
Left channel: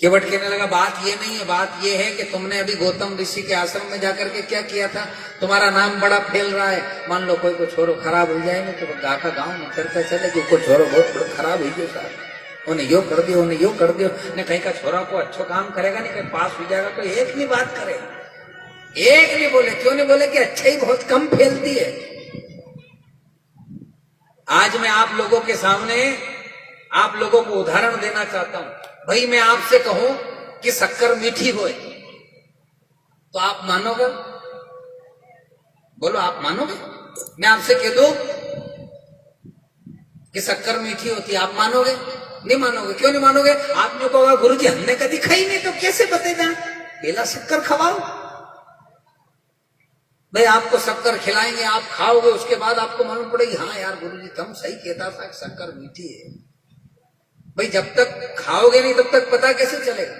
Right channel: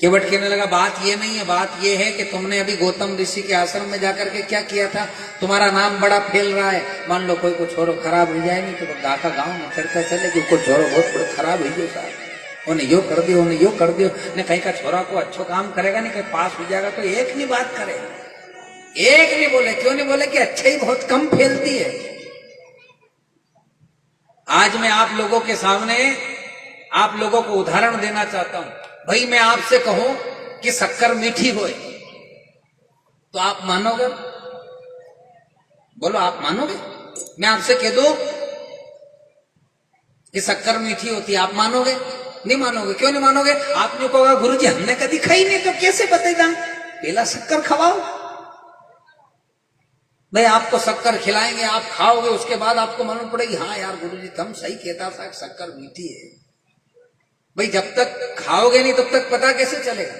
केवट कहने लगा बात ये नहीं है, बात ये है कि तुमने अभी गौतम ऋषि के आश्रम में जाकर के क्या किया था। तुम्हारा नाम बड़ा फैल रहा है, मान लो कोई को छोरो खराब हो जाए नहीं तो गाका गांव में चर्चा चले कि कोई छोरो बहुत बड़ा खराब हो गया, उन्हें यो कर दियो, उन्हें यो कर दियो। ने कहीं का छोरा को अच्छो काम करेगा नहीं, कहीं पास हो जाएगा तो एक नहीं बात करे, एक नहीं बोले। क्यों नहीं बोले कि अच्छा ही बहुत कम फैलती है। आज मैं आप लोगों के सामने आप लोगों को उदाहरण देना चाहता हूं। भाई मैं आपसे कहूं कि शक्कर मीठी होए तो आप मानोगे, बोलो आप मानोगे। मैं आपसे कह दूं कि शक्कर मीठी होती है, आप मानोगे, नहीं मानोगे। क्यों नहीं मानोगे। आपने कहा गुरुजी हमने कभी खाई नहीं तो कैसे बताएगा, पहला शक्कर खवाओ। भाई आपको शक्कर खिलाएंगे, आप खाओगे, उसके बाद आपको मालूम पड़ेगी हाँ यार गुरुजी तुम सही कहता था, शक्कर मीठी है। भाई जब तक खाओगे नहीं तब तक पता कैसे चलेगा।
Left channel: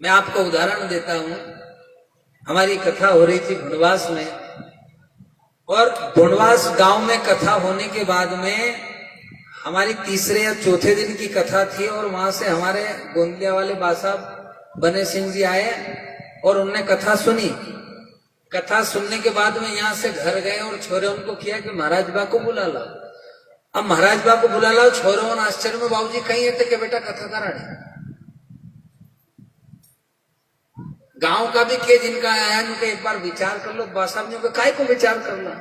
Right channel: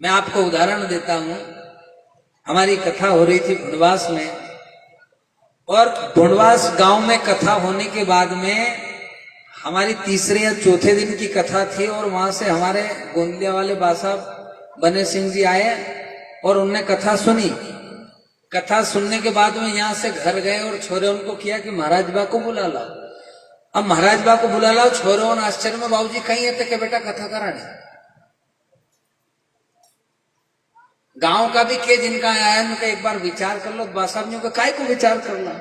मैं आपको उदाहरण देता हूं। हमारी कथा हो रही थी भुनवास में, और भुनवास गांव में कथा होने के बाद में हमारी तीसरे या चौथे दिन की कथा थी, और वहां से हमारे गोंदिया वाले बासाब बने सिंह जी आए और उनने कथा सुनी। कथा सुनने के बाद में यहां से घर गए और छोरे उनको किया कि महाराज बा को बुला ला। अब महाराज बा को बुला ला, छोरे उन आश्चर्य में बाबूजी कहीं है कि बेटा कथा कराने गांव का भी के जिनका आया उनका एक बार विचार कर लो। बासाब ने काय को विचार कर ला,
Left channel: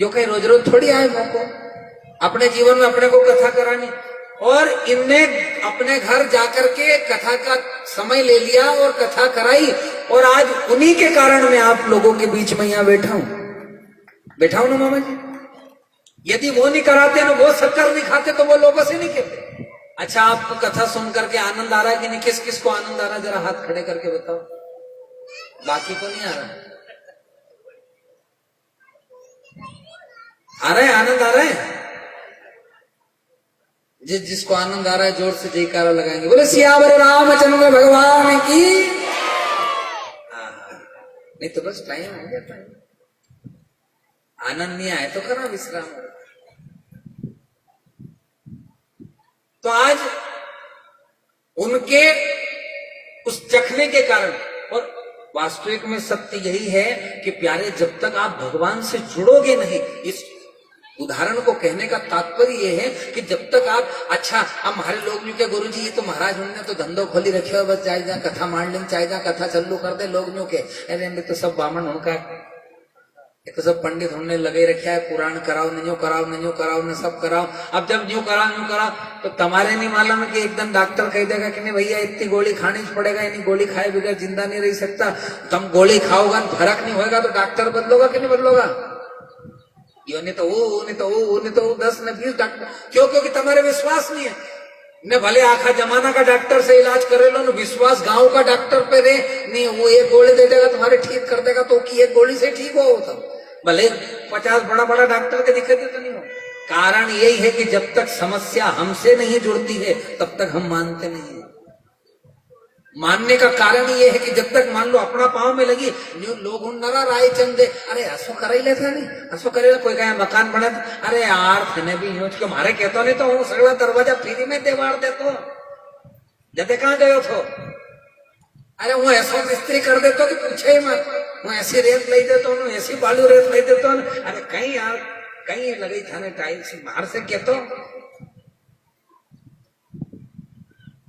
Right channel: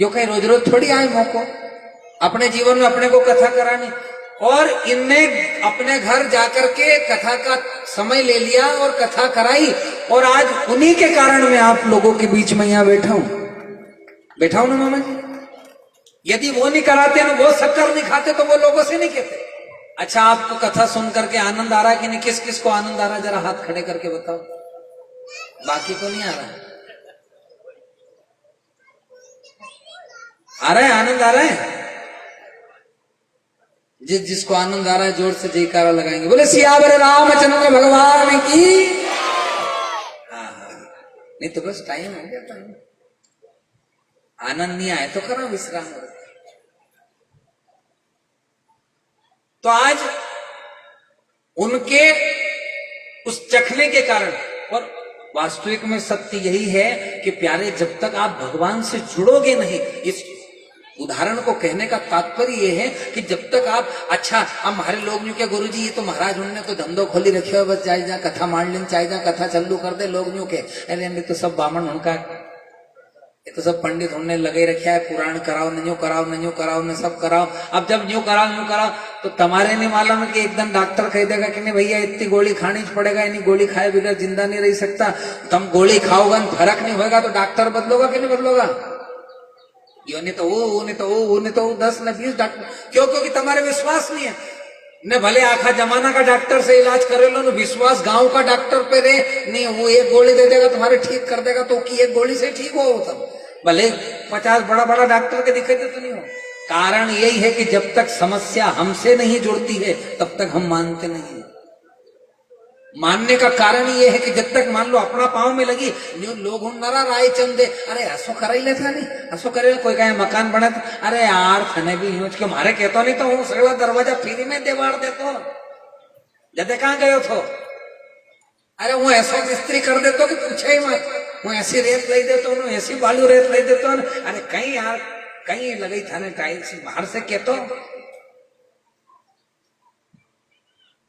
जो कहीं रोज रोज थोड़ी आए मौको, अपने जीवन में अपने को कथा करानी। और इनने अपने घर जाकर के कथा का समय ले लिया और कथा कराई, और आज उन्हीं के कारण मैं आप लोगों के बीच में यहां बैठा हूं ना मामा जी। यदि वो नहीं कराते ना, वो शक्कर नहीं खाते तो वो लोगों से नहीं कहते। अच्छा आपको कथा सुन करके आनंद आ रहा कि नहीं, किस किस को आनंद आ रहा जरा हाथ खड़े करके बताओ, बाकी को नहीं आ रहा। आ रहा है, आनंद आ रहा है। जिसको आनंद आ रहा है जोर से जयकारा लगाएंगे, बोले सियावर रामचंद्र भगवान की। नहीं तो बस टाइम हो गया, टाइम आनंद नहीं आए तो करा विश्राम। तो आज उनके उस चखने के कारण, और वास्तविक में सत्य यही है कि प्यारे जब तक आप भगवान से जुड़ोगे नहीं, इस उदाहरण को कहने का तात्पर्य यह है कि जब तक आप, अच्छा अब हमारे लोग न्यू क्या गुरुजी ये तो महाराज उन्होंने तो धंधो खोली रखे हो, बस जाए जा कथा मान लें, चाहे जा कथा चालू कर दे लोग न्यू के, अरे तो सब बामन उनका, ये तो सब पंडित हमने लगे रखे है, पुराण कराओ न न्यू कराओ न न्यू कराओ न सब कराओ। अब जब न्यू कराओ तो तुम्हारे नहीं मालूम है कि एकदम डॉक्टर कह देगा कि नहीं भैया इतनी गोली खानी पड़ेगा, इतनी गोली खाए बगैर जिंदा नहीं रह सकता। तुम गोली खाओगा फर्क नहीं होगा तो डॉक्टर बदलोगा कि नहीं बदलोगा। यो नहीं तो वो, नहीं तो वो, नहीं तो 10 न 20 डॉक्टर, क्यों, क्योंकि तुम्हारे विश्वास नहीं है ने। भले आखा जमाना का डॉक्टर से इलाज करे लो, विश्वास गांव का डॉक्टर पे रे नहीं, वो एक गोली दे देगा तुम्हारे ठीक कर देगा, तो की एक गोली से ठीक हो तुम, भले 50 बड़ा बड़ा डॉक्टर के दिक्कत तो नहीं हो। कारण यही है कि जब तक समस्या हमसे नहीं जुड़ती है तब तक हम मानते नहीं। मानने का कारण ये है कि जब तक मान लो अपना पाँव में लगी न्यू लोग नरा राय चंदे, अरे हसो कराई लेता नहीं, हसो करे कोई कहे मकान बना, अरे यार थने भी यूज क्यों मारे कहते नहीं तो वो सगला दरवाजा फ्री में देवाड़ देतो, जदे कहाँ गयो थो, अरे वो ऐसा मिस्त्री कर देतो कि पूछे ही मत, वो ऐसी रेत ले देतो, ऐसी बालू रेत ले देतो, अरे कहीं यार कहीं लगी थाने टाइल्स बाहर से कहतो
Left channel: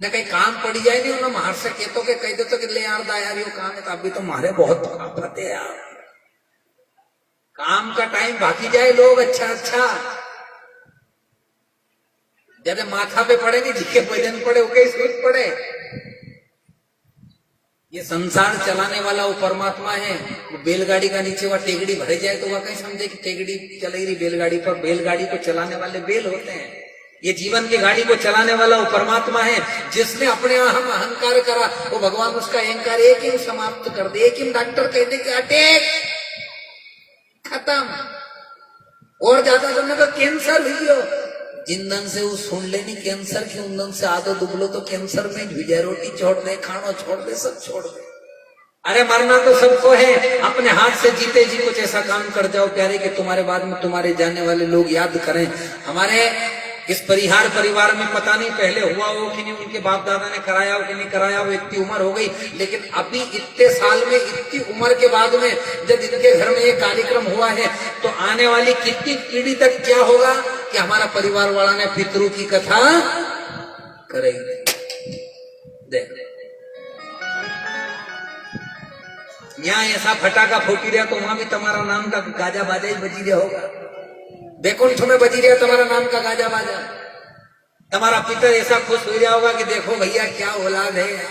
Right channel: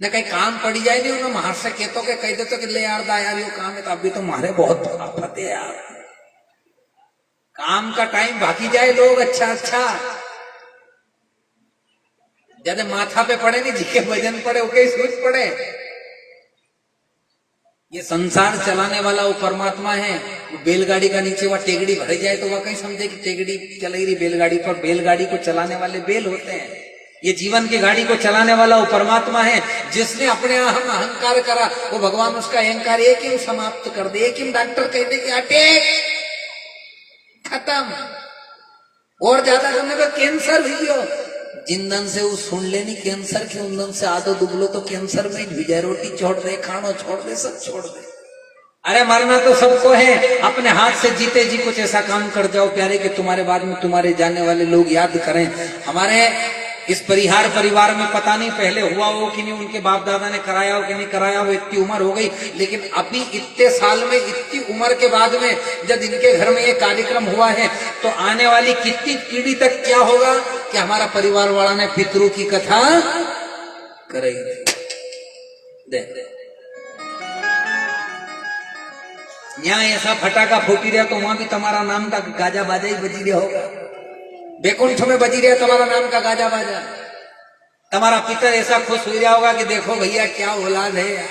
न, कहीं काम पड़ी जाए नहीं उन्हें बाहर से कहतो के कह देतो कि ले यार दा यार यो काम है, तो अभी तो मारे बहुत आफत है यार, काम का टाइम बाकी जाए लोग अच्छा अच्छा ज्यादा माथा पे पड़े नहीं, जिसके वजन पड़े ओके सूट पड़े। ये संसार चलाने वाला वो परमात्मा है। वो बैलगाड़ी का नीचे वह टेगड़ी भर जाए तो वह कहीं समझे कि टेगड़ी चल रही बैलगाड़ी पर, बैलगाड़ी को चलाने वाले बैल होते हैं। ये जीवन की गाड़ी को चलाने वाला वो परमात्मा है। जिसने अपने अहंकार करा वो भगवान उसका अहंकार एक ही समाप्त कर दे। एक ही डॉक्टर कह दे कि अटैक खत्म, और ज्यादा करने पर कैंसर हुई हो। जिंदन से वो सुन लेनी कैंसर की उंदन से आदो दुबलो तो कैंसर में भी जाए। रोटी छोड़ दे, खाना छोड़ दे, सब छोड़ दे। अरे मरना तो सबको है। अपने हाथ से जीते जी कुछ ऐसा काम कर जाओ प्यारे कि तुम्हारे बाद में तुम्हारे जाने वाले लोग याद करें। हमारे इस परिवार में पता नहीं पहले हुआ हो कि नहीं, उनके बाप दादा ने कराया हो कि नहीं कराया हो, इतनी उम्र हो गई। लेकिन अभी इतने साल में, इतनी उम्र के बाद में जब इनके घर में ये कार्यक्रम हुआ है तो आने वाली कितनी पीढ़ी तक क्या होगा कि हमारा परिवार वाला ने पितरों की कथा करेगी। देख यहाँ ऐसा फटाका फूटी रहा तो वहां भी तुम्हारा नाम का गाजा बाजा ही बजी रहा होगा। बैकुंठ में बजी रहा तुम्हारा नाम का गाजा बाजा। तुम्हारा पितर ऐसा खुश हो रहा होगा कि देखो भैया क्या औलाद है यार।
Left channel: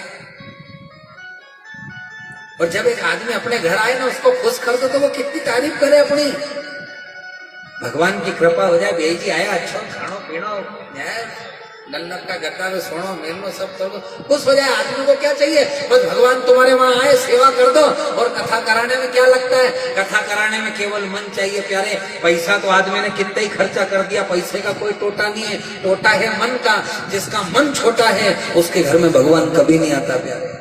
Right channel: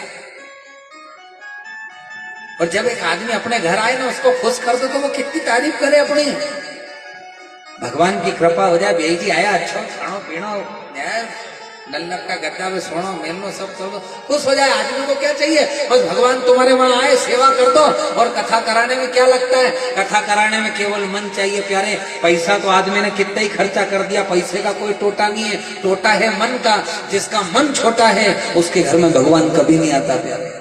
और जब एक आदमी अपने घर आए ना उसको खुश कर दो तो वो कितनी तारीफ करे अपनी। भगवान की कृपा हो जाए, भाई जी आया अच्छा खानो पीनो नल्लक का गड्ढा में सोनो मेलनो सब कर दो, खुश हो जाए। आदमी को क्या चाहिए, बस भगवान तुम्हारे वहां आए सेवा कर दो। और कथा कराने में क्या लगता है, कथा कराने में केवल मन चाहिए प्यारे। पैसा तो आदमी ने कितना ही खर्चा कर दिया, पैसे का कोई टोटा नहीं है, टोटा है मन का। जिसका मन छोटा है उसके घर में भगवान कभी नहीं आता प्यारे।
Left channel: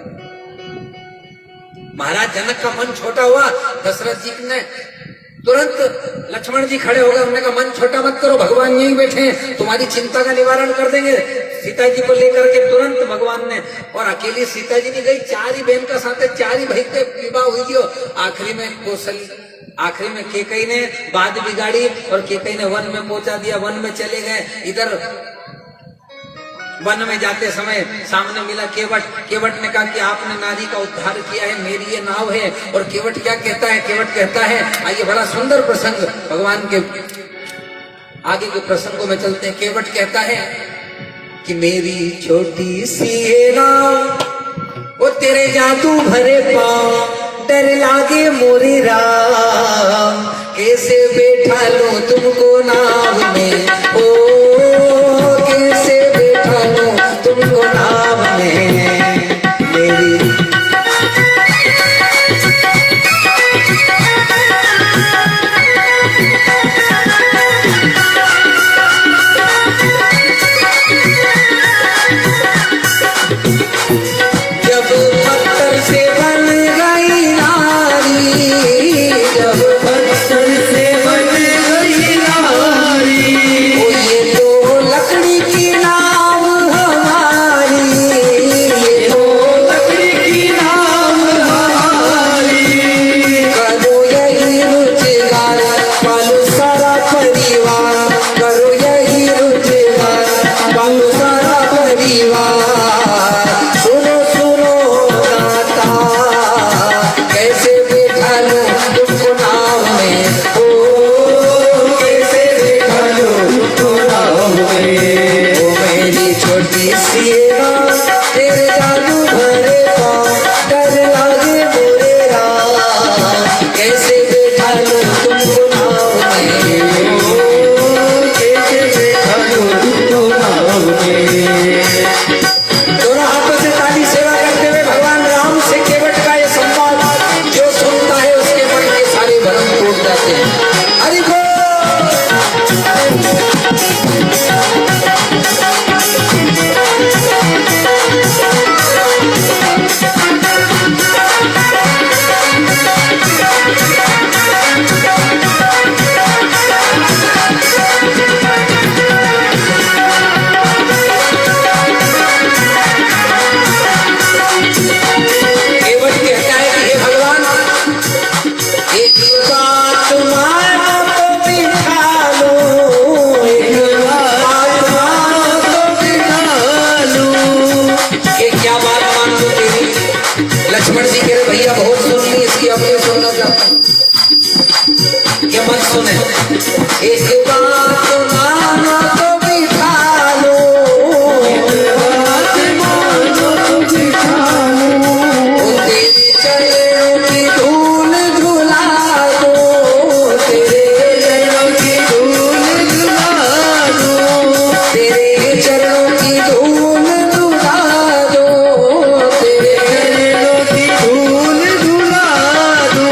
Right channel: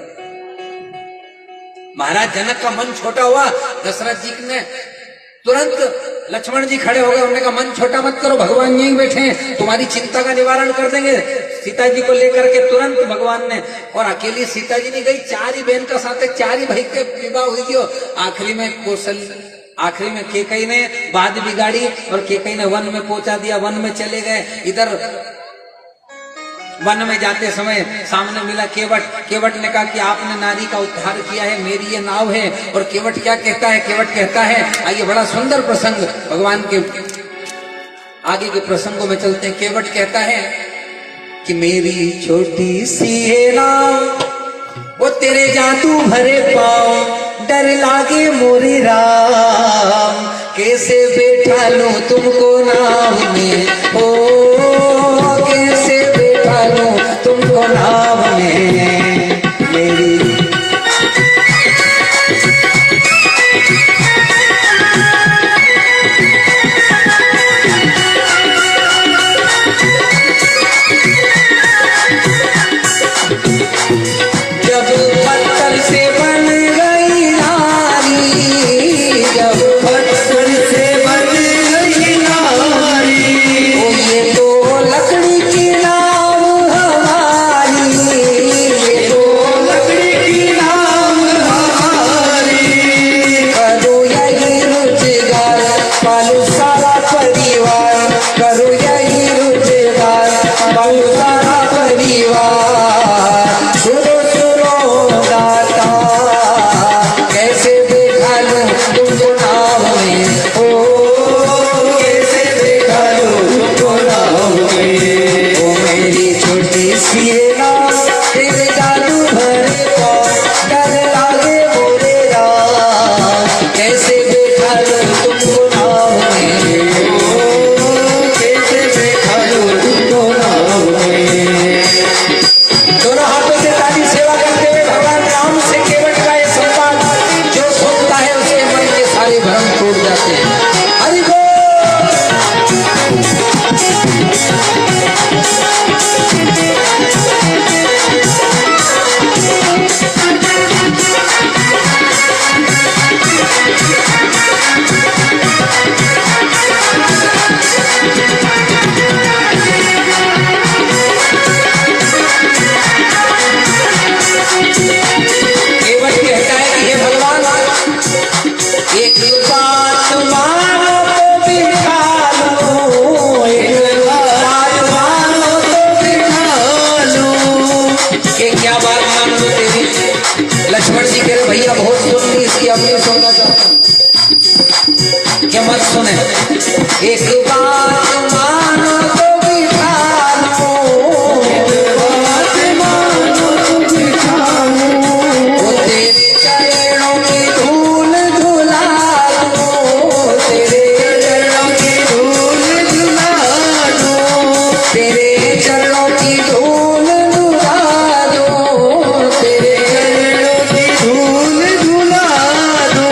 महाराज जनक का मन छोटा हुआ, दशरथ जी ने तुरंत लक्ष्मण जी खड़े हो गए। उन्होंने कहा मन छोटा मत करो, भगवान यहीं बैठे हैं, तुम्हारी चिंता का निवारण कर देंगे। सीता जी को लेकर के तुरंत भगवान ने, और अकेली सीता जी नहीं गई, 4 ही बहन का साथ है, 4 ही भाई के विवाह हुई थी। आखिरी में केकई ने बात बिगाड़ी और केकई ने वन में पहुंचा दिया। वन में चले गए। इधर वन में जाते समय सामने मिला केवट ने कहा कि आपने नारी का उद्धार किया है, मेरी ये नाव है। और केवट क्या कहता है, केवट कहता है, आइए बड़ा सुंदर प्रसंग भगवान के आगे के प्रसंगों में चलते हैं। केवट कहता है कि मेरी छोटी सी है नाव, वो तेरे जादू भरे पाँव, डर लागे मोरी राम, कैसे बैठा लूं तुमको नाव में, ओ कैसे बैठा लूं तुमको नाव में। मेरी जब पत्थर से बन गई नारी, जब पत्थर से बन गई नारी, ओ ये तो लकड़ी की नाव हमारी, ये तो लकड़ी की नाव हमारी। करो यही रोजगार पालो सारा परिवार, करो यही रोजगार पालो सारा परिवार। सुनो सुनो दाता, कैसे बैठा लूं तुमको नाव में, ओ कैसे बैठा लूं तुमको नाव में। ओ मेरी छोटी सी नाव, तेरे जादू भरे पाँव, डर लागे मोरे राम, कैसे बैठा लूं तुमको नाव में, ओ कैसे बैठा लूं तुमको नाव में। दोनों हाथों से ताली सेवा करते हुए भगवान राम से केवट का ये सम्मान जो सुनता है उसके मन के सारे भ्रम टूट जाते हैं। हरि बोल। केवट कहता है कि हे भगवान, एक बात मानो तो बिठा लो, एक बात मानो तो बिठा लो। कि क्या बात मान लो तेरी? लक्ष्मण जी कह रहे भैया बहुत सुन ली, इसकी अब ये सुनना चाहता हूँ कि एक बात मानो तो बिठा लो, ओ तेरे चरणों की धूल झुला दो, तेरे चरणों की धूल झुला दो, तेरे चरणों की धूल झुला दो, तेरे चरणों की धूल झुला दो।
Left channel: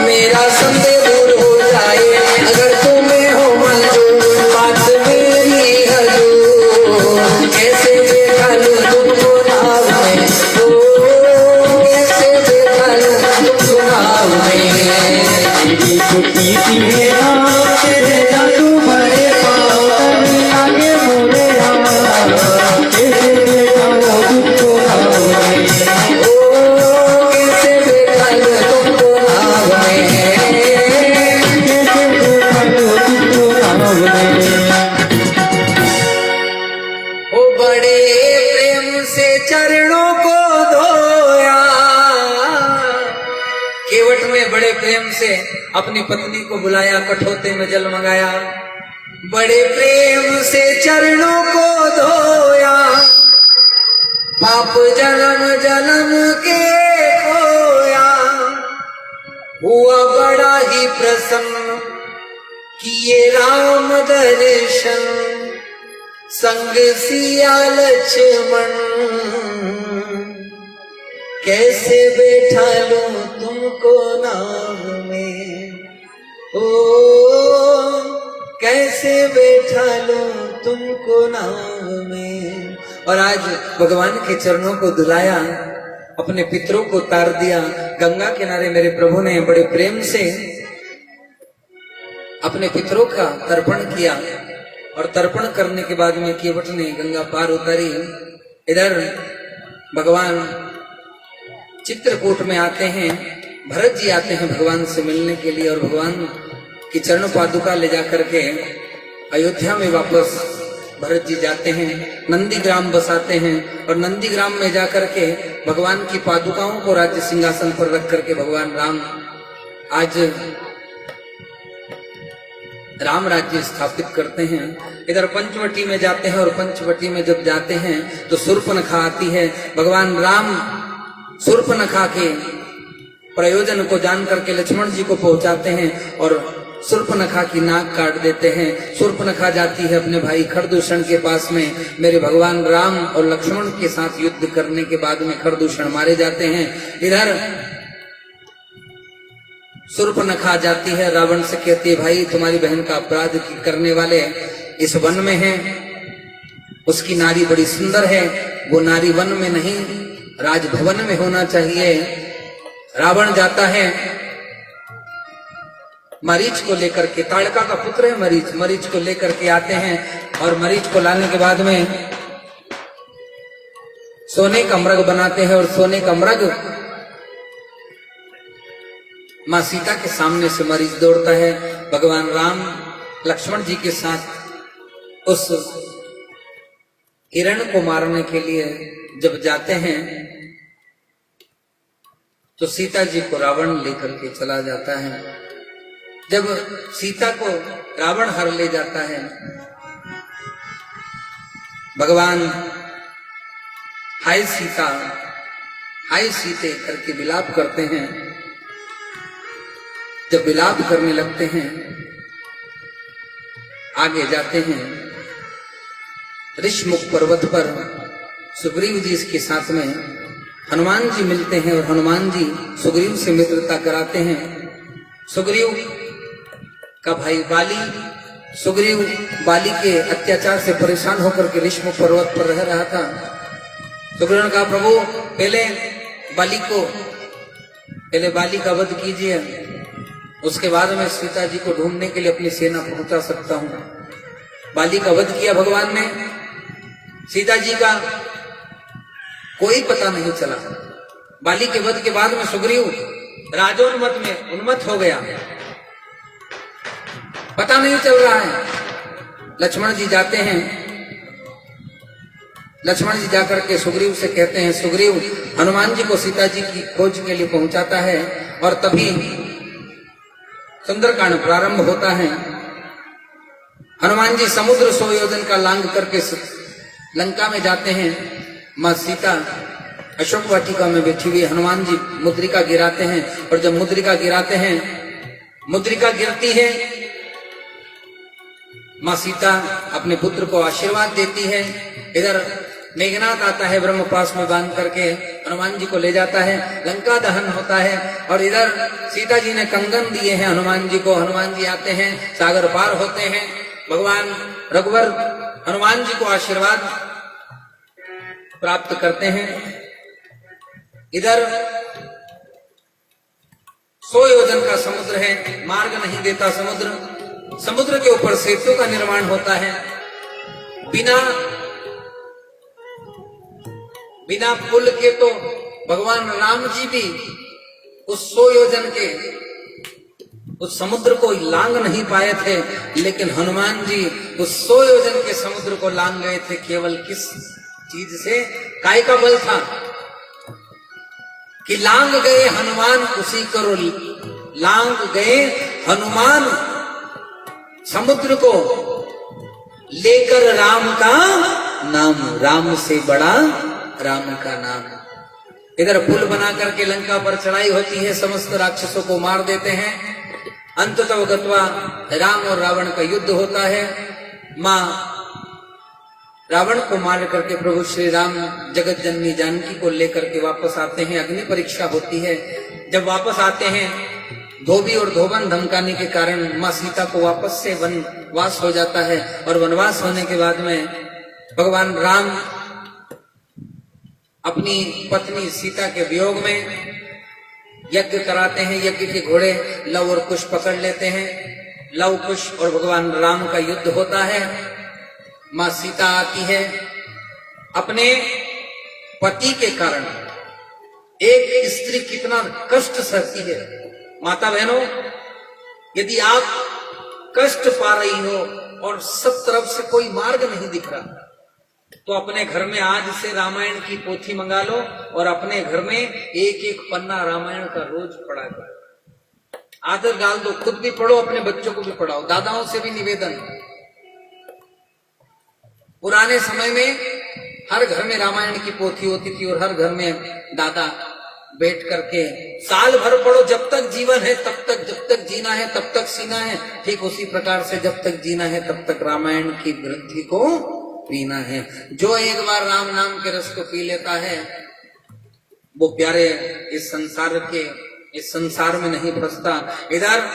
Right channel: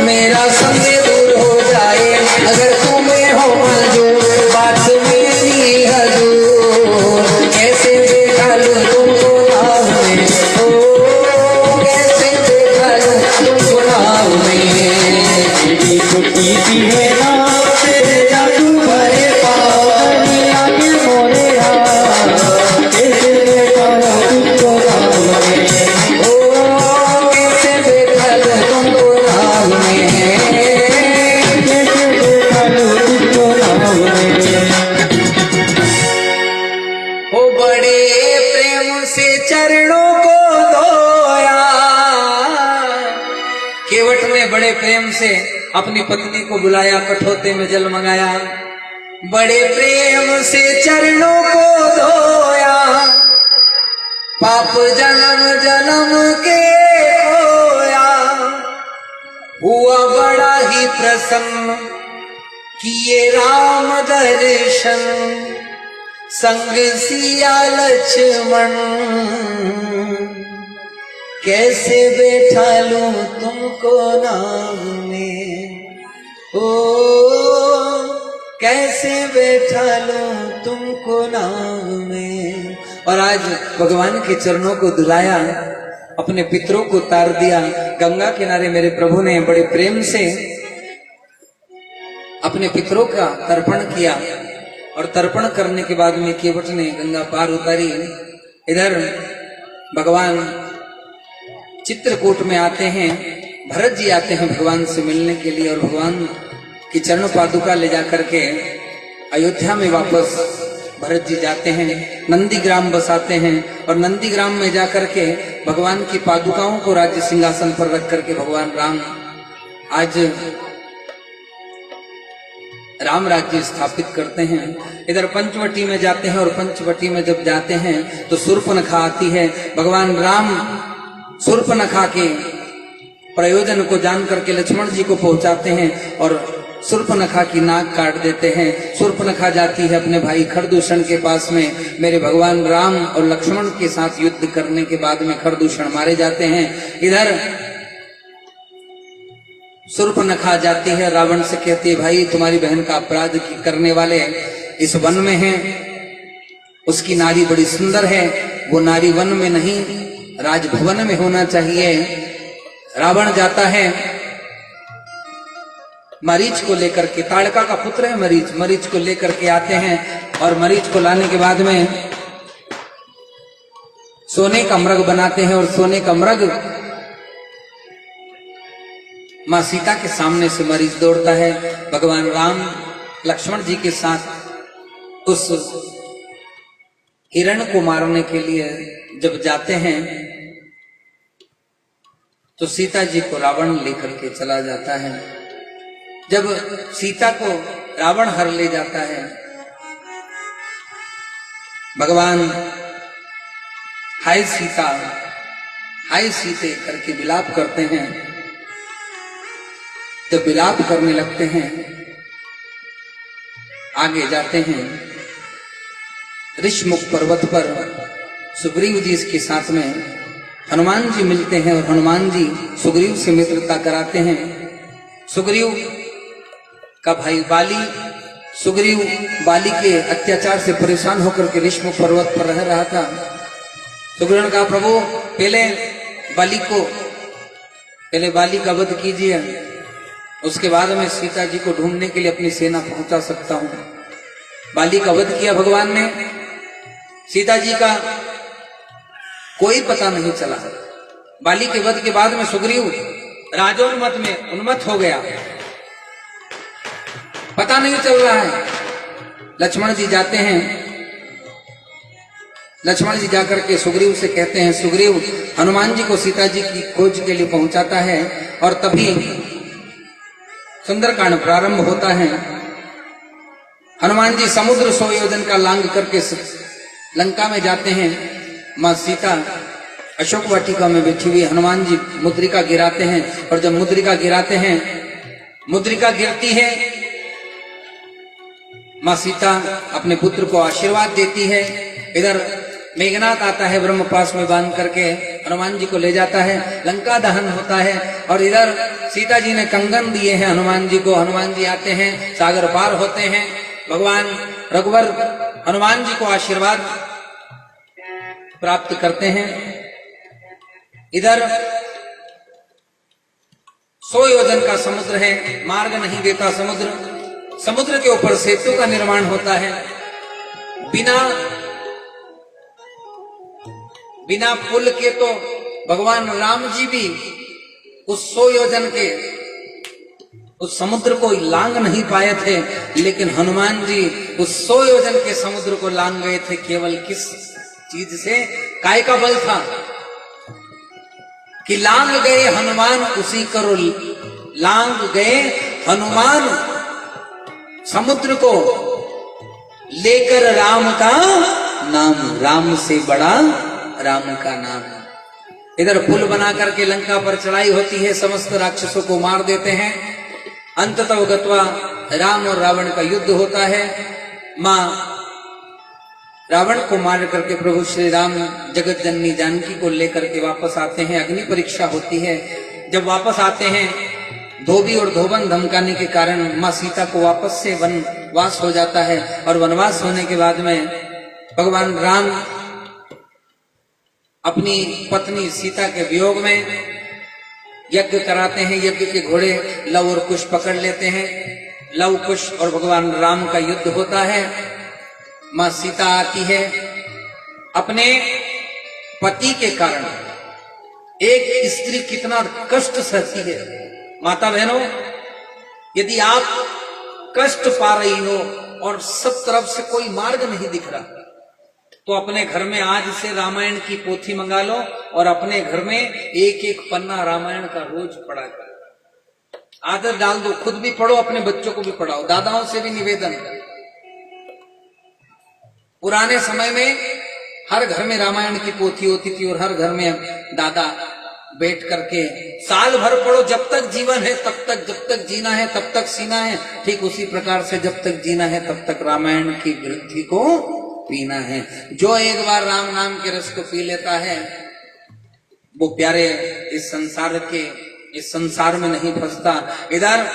मेरा संग दूर हो जाए अगर तुम्हें हो मंजूर, बात मेरी हजूर, कैसे बैठा लूं तुमको नाव में, ओ कैसे बैठा लूं तुमको नाव में। टूटी सी है नाव तेरे जादू भरे पाँव, दुनिया में मोरे हाथ, कैसे बैठा लूं तुमको नाव में, ओ कैसे बैठा लूं तुमको नाव में, कैसे बैठा लूं तुमको नाव में। ओ बड़े प्रेम से चरणों को धोया, केवट में बड़े प्रेम से अपनी पत्नी को बुलाया, कठौते में जल मंगाया, बड़े प्रेम से चरणों को धोया, पाप जन्म जन्म के खोया, हुआ बड़ा ही प्रसन्न किए राम दर्शन, संग सिया लक्ष्मण, कैसे बैठा लूं तुमको नाव में, ओ कैसे बैठा लूं तुमको नाव में। और आज भगवान के चरणों को धुलाया, अपने पितरों को तार दिया, गंगा किनारे मेरे प्रभु ने बड़े प्रेम से अपने पितरों का तर्पण किया, और तर्पण करने के बाद में केवट ने गंगा पार उतारी। इधर भगवान चित्रकूट में आते हैं, भरत जी आते हैं भगवान से मिलने के लिए, और भगवान की चरण पादुका ले जाकर के अयोध्या में वापस भरत जी जाते हैं, नंदीग्राम बसाते हैं, और नंदीग्राम में जाकर के भगवान की पादुकाओं को राज्य सिंहासन पर रख करके भगवान राम आज राम राज्य स्थापित करते हैं। इधर पंचवटी में जाते हैं, और पंचवटी में जब जाते हैं तो शूर्पणखा आती है। भगवान राम शूर्पणखा के प्रयोजन को जान करके लक्ष्मण जी को पहुंचाते हैं, और शूर्पणखा की नाक काट देते हैं। शूर्पणखा जाती है अपने भाई खरदूषण के पास में, मेरे भगवान राम और लक्ष्मण के साथ युद्ध करने के बाद में खरदूषण मारे जाते हैं। इधर शूर्पणखा जाती है, रावण से कहती है, भाई तुम्हारी बहन का अपराध करने वाले इस वन में हैं, उसकी नारी बड़ी सुंदर है, वो नारी वन में नहीं राजभवन में होना चाहिए। रावण जाता है मरीच को लेकर के, ताड़का का पुत्र है मरीच, मरीच को लेकर के आते हैं, और मरीच को लाने के बाद में सोने का मृग बनाते हैं, और सोने का मृग मां सीता के सामने से मरीच दौड़ता है। भगवान राम लक्ष्मण जी के साथ उस हिरण को मारने के लिए जब जाते हैं तो सीता जी को रावण लेकर के चला जाता है। जब सीता को रावण हर ले जाता है, भगवान हाय सीता हाय सीते करके विलाप करते हैं। जब विलाप करने लगते हैं, आगे जाते हैं, ऋषमुख पर्वत पर सुग्रीव जी के साथ में हनुमान जी मिलते हैं, और हनुमान जी सुग्रीव से मित्रता कराते हैं। सुग्रीव का भाई बाली, सुग्रीव बाली के अत्याचार से परेशान होकर के ऋषमुख पर्वत पर रह रहा था। सुग्रीव ने कहा, प्रभु पहले बाली का वध कीजिए, उसके बाद में सीता जी को ढूंढने के लिए अपनी सेना पहुंचा सकता हूं। बाली का वध किया भगवान ने, सीता जी का कोई पता नहीं चला। बाली के वध के बाद में सुग्रीव राजोन्मत में उन्मत्त हो गया, पता नहीं चल रहा है। लक्ष्मण जी जाते हैं, लक्ष्मण जी जाकर के सुग्रीव से कहते हैं, सुग्रीव हनुमान जी को सीता जी की खोज के लिए पहुंचाता है, और तभी सुंदरकांड प्रारंभ होता है। हनुमान जी समुद्र 100 योजन का लांग करके लंका में जाते हैं। मां सीता अशोक वाटिका में बैठी हुई, हनुमान जी मुद्रिका गिराते हैं, और जब मुद्रिका गिराते हैं, मुद्रिका गिरती है, मां सीता अपने पुत्र को आशीर्वाद देती है। इधर मेघनाथ आता है, ब्रह्मपास में बांध करके हनुमान जी को ले जाता है, लंका दहन होता है। और इधर सीता जी ने कंगन दिए हैं हनुमान जी को। हनुमान जी आते हैं, सागर पार होते हैं, भगवान रघुवर हनुमान जी को आशीर्वाद प्राप्त करते हैं। इधर 100 योजन का समुद्र है, मार्ग नहीं देता समुद्र। समुद्र के ऊपर सेतु का निर्माण होता है। बिना पुल के तो भगवान राम जी भी उस 100 योजन के उस समुद्र को लांग नहीं पाए थे, लेकिन हनुमान जी उस 100 योजन के समुद्र को लांग गए थे। केवल किस चीज से? काय का बल था कि लांग गए हनुमान उसी करो, लांग गए हनुमान समुद्र को लेकर राम का नाम, राम से बड़ा राम का नाम। इधर पुल बना करके लंका पर चढ़ाई होती है, समस्त राक्षसों को मार देते हैं। अंततः गत्वा राम और रावण का युद्ध होता है। मां रावण को मार करके प्रभु श्री राम जगत जननी जानकी को लेकर के वापस आते हैं। अग्नि परीक्षा होती है। जब वापस आते हैं, धोबी और धोबन धमकाने के कारण मां सीता को वापस से वनवास हो जाता है। और वनवास होने के बाद में भगवान राम अपनी पत्नी सीता के वियोग में यज्ञ कराते हैं। यज्ञ के घोड़े लव और कुश पकड़ लेते हैं। लव, कुश और भगवान राम का युद्ध होता है। मां सीता आती है। अपने पति के कारण एक स्त्री कितना कष्ट सहती है। माता बहनों, यदि आप कष्ट पा रही हो और सब तरफ से कोई मार्ग नहीं दिख रहा, तो अपने घर में आज से रामायण की पोथी मंगा लो और अपने घर में एक एक पन्ना रामायण का रोज पढ़ा करो। आदत डाल दो, खुद भी पढ़ो, अपने बच्चों को भी पढ़ाओ। दादाओं से भी निवेदन है। पुराने समय में हर घर में रामायण की पोथी होती थी और हर घर में दादा बैठ करके साल भर पढ़ो, जब तक जीवन है तब तक, जब तक जीना है तब तक सीना है। ठीक उसी प्रकार से जब तक जीना है तब तक रामायण की ग्रंथि को पीना है। जो एक बार राम नाम के रस को पी लेता है, वो प्यारे इस संसार में नहीं फंसता। इधर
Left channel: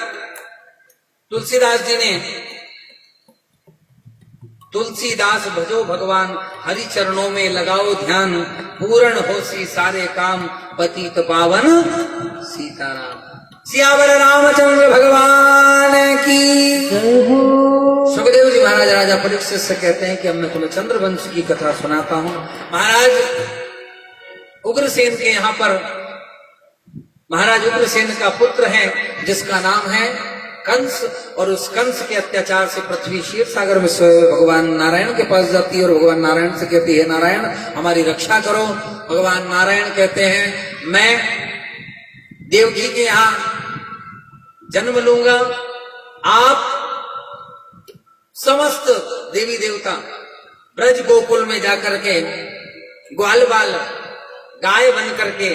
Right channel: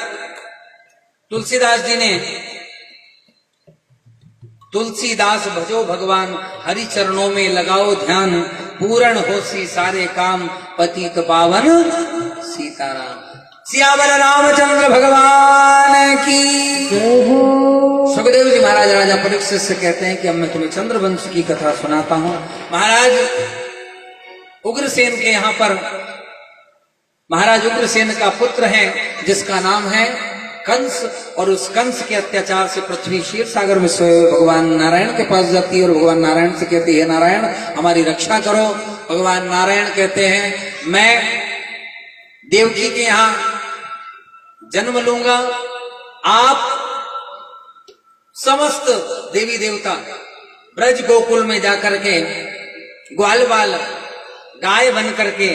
तुलसीदास जी ने तुलसीदास भजो भगवान, हरि चरणों में लगाओ ध्यान, पूर्ण होसी सारे काम, पतित पावन सीताराम। सियावर रामचंद्र भगवान की। सुखदेव जी महाराज राजा परीक्षित से कहते हैं कि अब मैं तुम्हें चंद्रवंश की कथा सुनाता हूं। महाराज उग्रसेन के यहाँ पर महाराज उग्रसेन का पुत्र है जिसका नाम है कंस, और उस कंस के अत्याचार से पृथ्वी क्षीर सागर में भगवान नारायण के पास जाती है और भगवान नारायण से कहती है, नारायण हमारी रक्षा करो। भगवान नारायण कहते हैं, मैं देवकी के यहाँ जन्म लूंगा, आप समस्त देवी देवता ब्रज गोकुल में जाकर के ग्वाल बाल गाय बन करके,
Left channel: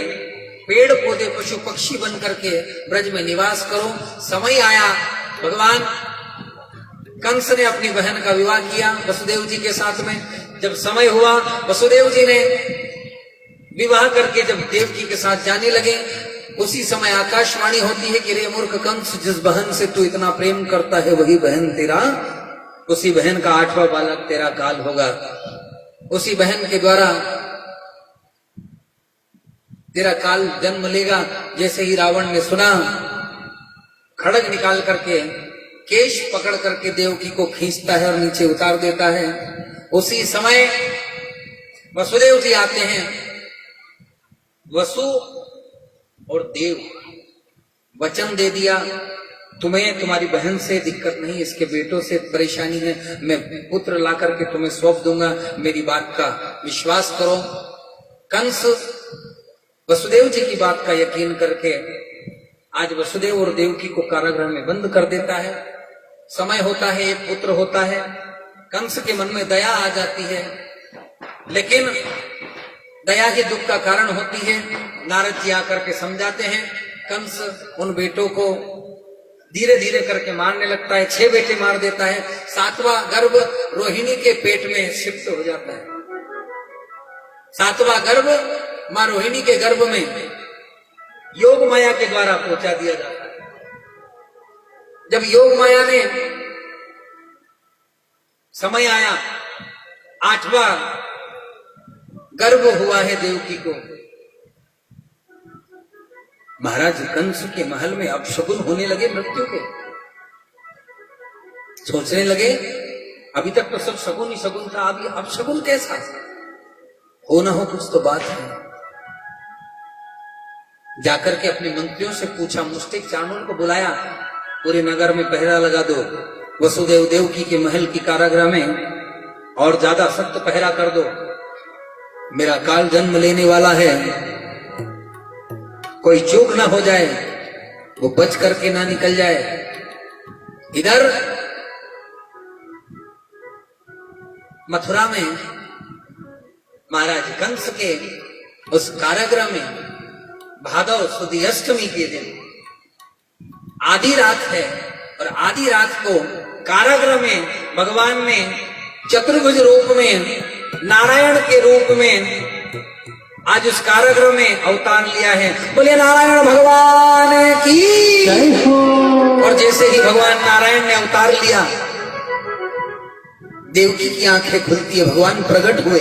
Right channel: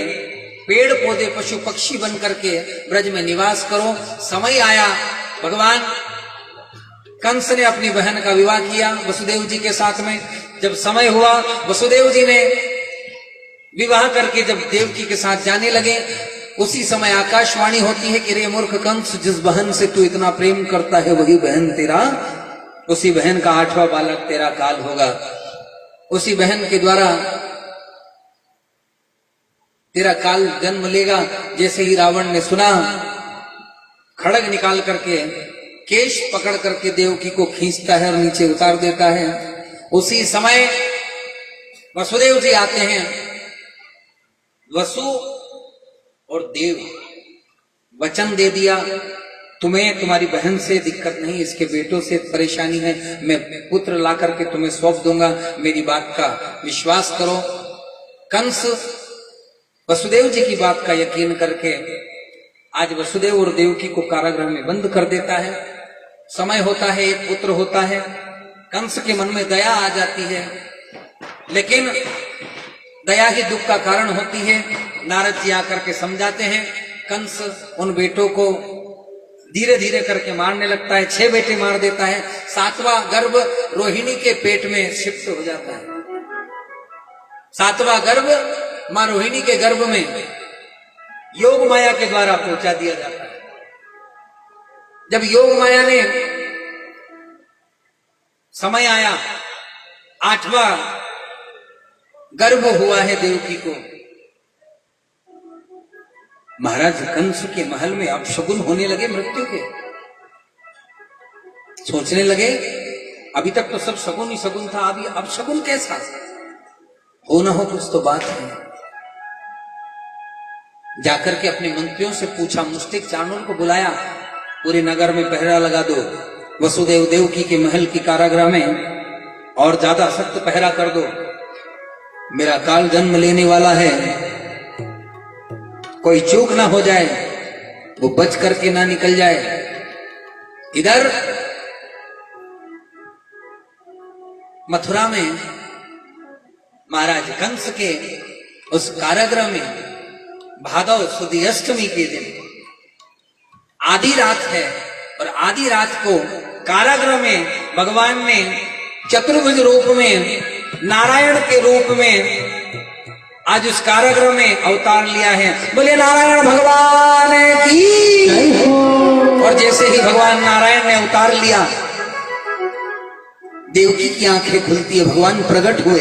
पेड़ पौधे पशु पक्षी बन करके ब्रज में निवास करो। समय आया, भगवान कंस ने अपनी बहन का विवाह किया वसुदेव जी के साथ में। जब समय हुआ, वसुदेव जी ने विवाह करके जब देवकी के साथ जाने लगे, उसी समय आकाशवाणी होती है कि रे मूर्ख कंस, जिस बहन से तू इतना प्रेम करता है वही बहन तेरा, उसी बहन का 8वां बालक तेरा काल होगा। उसी बहन के द्वारा तेरा काल जन्म लेगा। जैसे ही रावण ने सुना, खड़ग निकाल करके केश पकड़ करके देवकी को खींचता है और नीचे उतार देता है। उसी समय वसुदेव जी आते हैं। वसु और देव वचन दे दिया, तुम्हें तुम्हारी बहन से दिक्कत नहीं, इसके बेटों से परेशानी है, मैं पुत्र ला करके तुम्हें सौंप दूंगा, मेरी बात का विश्वास करो। कंस वसुदेव जी की बात का यकीन करके आज वसुदेव और देवकी को कारागृह में बंद कर देता है। समय होता है, एक पुत्र होता है। कंस के मन में दया आ जाती है, लेकिन दया ही दुख का कारण होती है। नारद जी आकर के समझाते हैं। कंस उन बेटों को धीरे धीरे करके मारने लगता है। 6 बेटे मार देता है। 7वां गर्भ रोहिणी के पेट में शिफ्ट हो जाता है। 7वां गर्भ मां रोहिणी के गर्भ में योग माया के द्वारा पहुंचा दिया जाता है। जब योग माया ने समय आया, 8वां गर्भ हुआ है देवकी को। महाराज कंस के महल में अपशगुन होने लगे मृत्यु के। सोचने लगे अभी तक तो सब शगुन ही शगुन था, अभी अपशगुन कैसा? हो ना हो कुछ तो बात है। जाकर के अपने मंत्रियों से पूछा, मुष्टिक चाणूर को बुलाया, पूरे नगर में पहरा लगा दो, वसुदेव देवकी के महल की कारागृह में और ज्यादा सख्त पहरा कर दो। मेरा काल जन्म लेने वाला है, कोई चूक ना हो जाए, वो बच करके ना निकल जाए। इधर मथुरा में महाराज कंस के उस कारागृह में भादव सुदी अष्टमी के दिन आधी रात है, और आधी रात को कारागृह में भगवान ने चतुर्भुज रूप में, नारायण के रूप में आज उस कारागृह में अवतार लिया है। बोले नारायण भगवान की। और जैसे ही भगवान नारायण ने अवतार लिया, देवकी की आंखें खुलती है। भगवान प्रकट हुए,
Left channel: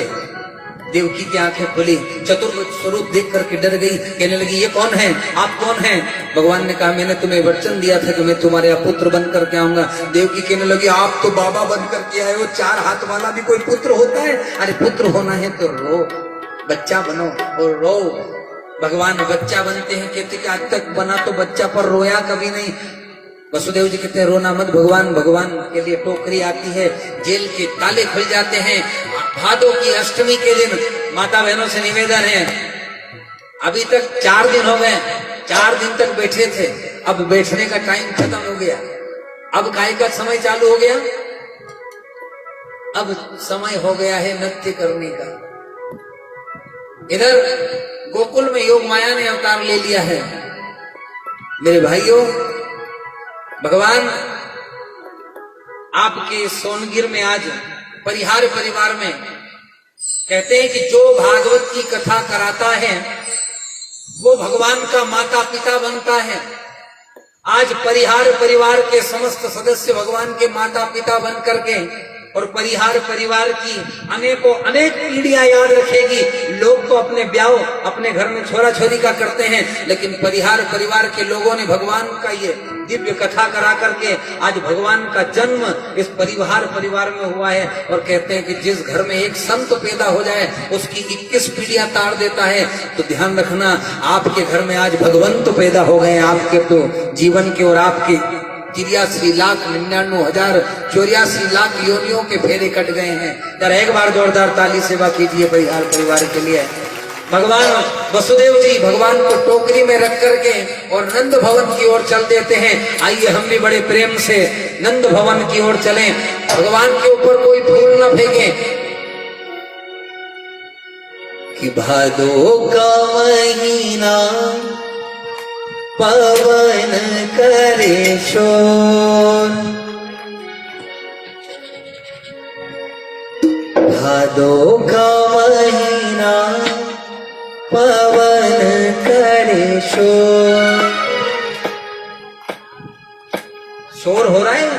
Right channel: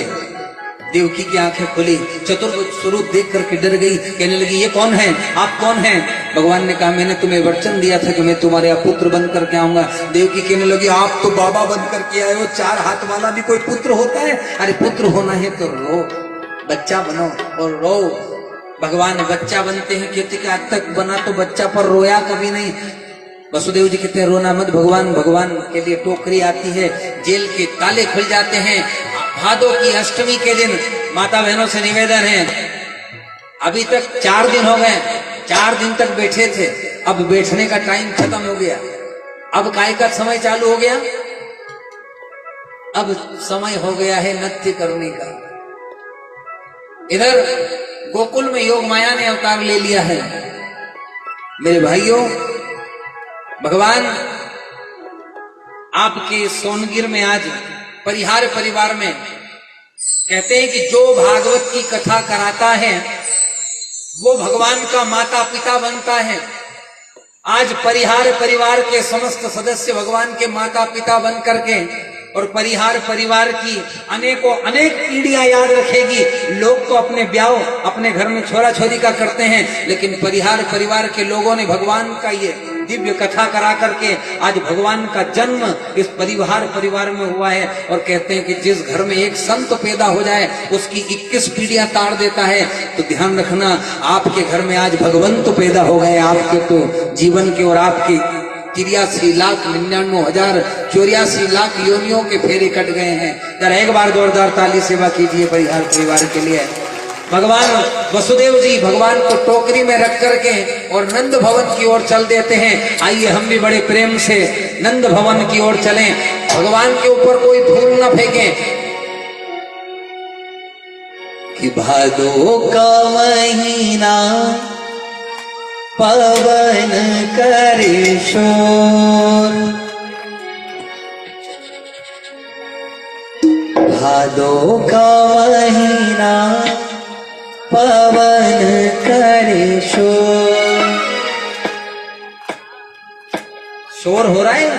देवकी की आंखें खुली, चतुर्भुज स्वरूप देख करके डर गई। कहने लगी ये कौन है, आप कौन हैं? भगवान ने कहा मैंने तुम्हें वचन दिया था कि मैं तुम्हारे पुत्र बन करके आऊंगा। देवकी कहने लगी आप तो बाबा बन करके आए हो, 4 हाथ वाला भी कोई पुत्र होता है? अरे पुत्र होना है तो रो, बच्चा बनो और रो। भगवान बच्चा बनते हैं, कहते कि आज तक बना तो बच्चा पर रोया कभी नहीं। वसुदेव जी कहते हैं रोना मत भगवान। भगवान के लिए टोकरी आती है, जेल के ताले खुल जाते हैं। भादों की अष्टमी के दिन माता बहनों से निवेदन है, अभी तक 4 दिन हो गए, 4 दिन तक बैठे थे, अब बैठने का टाइम खत्म हो गया, अब काय का समय चालू हो गया, अब समय हो गया है नृत्य करने का। इधर गोकुल में योग माया ने अवतार ले लिया है। मेरे भाइयों, भगवान आपके सोनगिर में आज परिहार परिवार में कहते हैं कि जो भागवत की कथा कराता है वो भगवान का माता पिता बनता है। आज परिहार परिवार के समस्त सदस्य भगवान के माता पिता बन करके और परिहार परिवार की अनेकों अनेक पीढ़ियां याद रखेगी। लोग तो अपने ब्याह अपने घर में छोरा छोरी का करते हैं, लेकिन परिहार परिवार के लोगों ने भगवान का ये दिव्य कथा करा करके आज भगवान का जन्म इस परिवार परिवार में हुआ है। और कहते हैं कि जिस घर में एक संत पैदा हो जाए उसकी 21 पीढ़ियां तार देता है। तो ध्यान रखना, आपके घर में आज भगवंत पैदा हो गए। आपके तो जीवन के और आपके 83,99,084 योनियों के फेरे कट गए हैं। तर एक बार जोरदार ताली सेवा कीजिए परिहार परिवार के लिए। भगवान वसुदेव जी भगवान को टोकरी में रख करके और नंद भवन की ओर चल देते हैं। आइए हम भी बड़े प्रेम से नंद भवन की ओर चलें। भगवान के ऊपर कोई फूल न फेंके। कि भादो का महीना पवन करे शोर, भादो का महीना पवन करे शोर। शोर हो रहा है।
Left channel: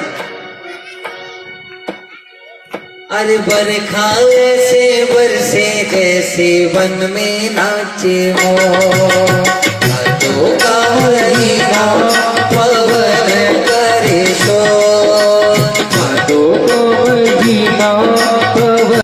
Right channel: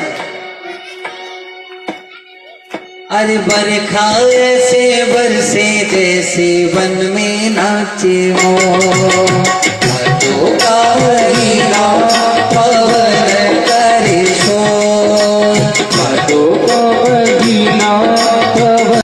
अरे बरखा ऐसे बरसे जैसे वन में नाचे मोर, भादो का महीना पवन करे शोर, भादो का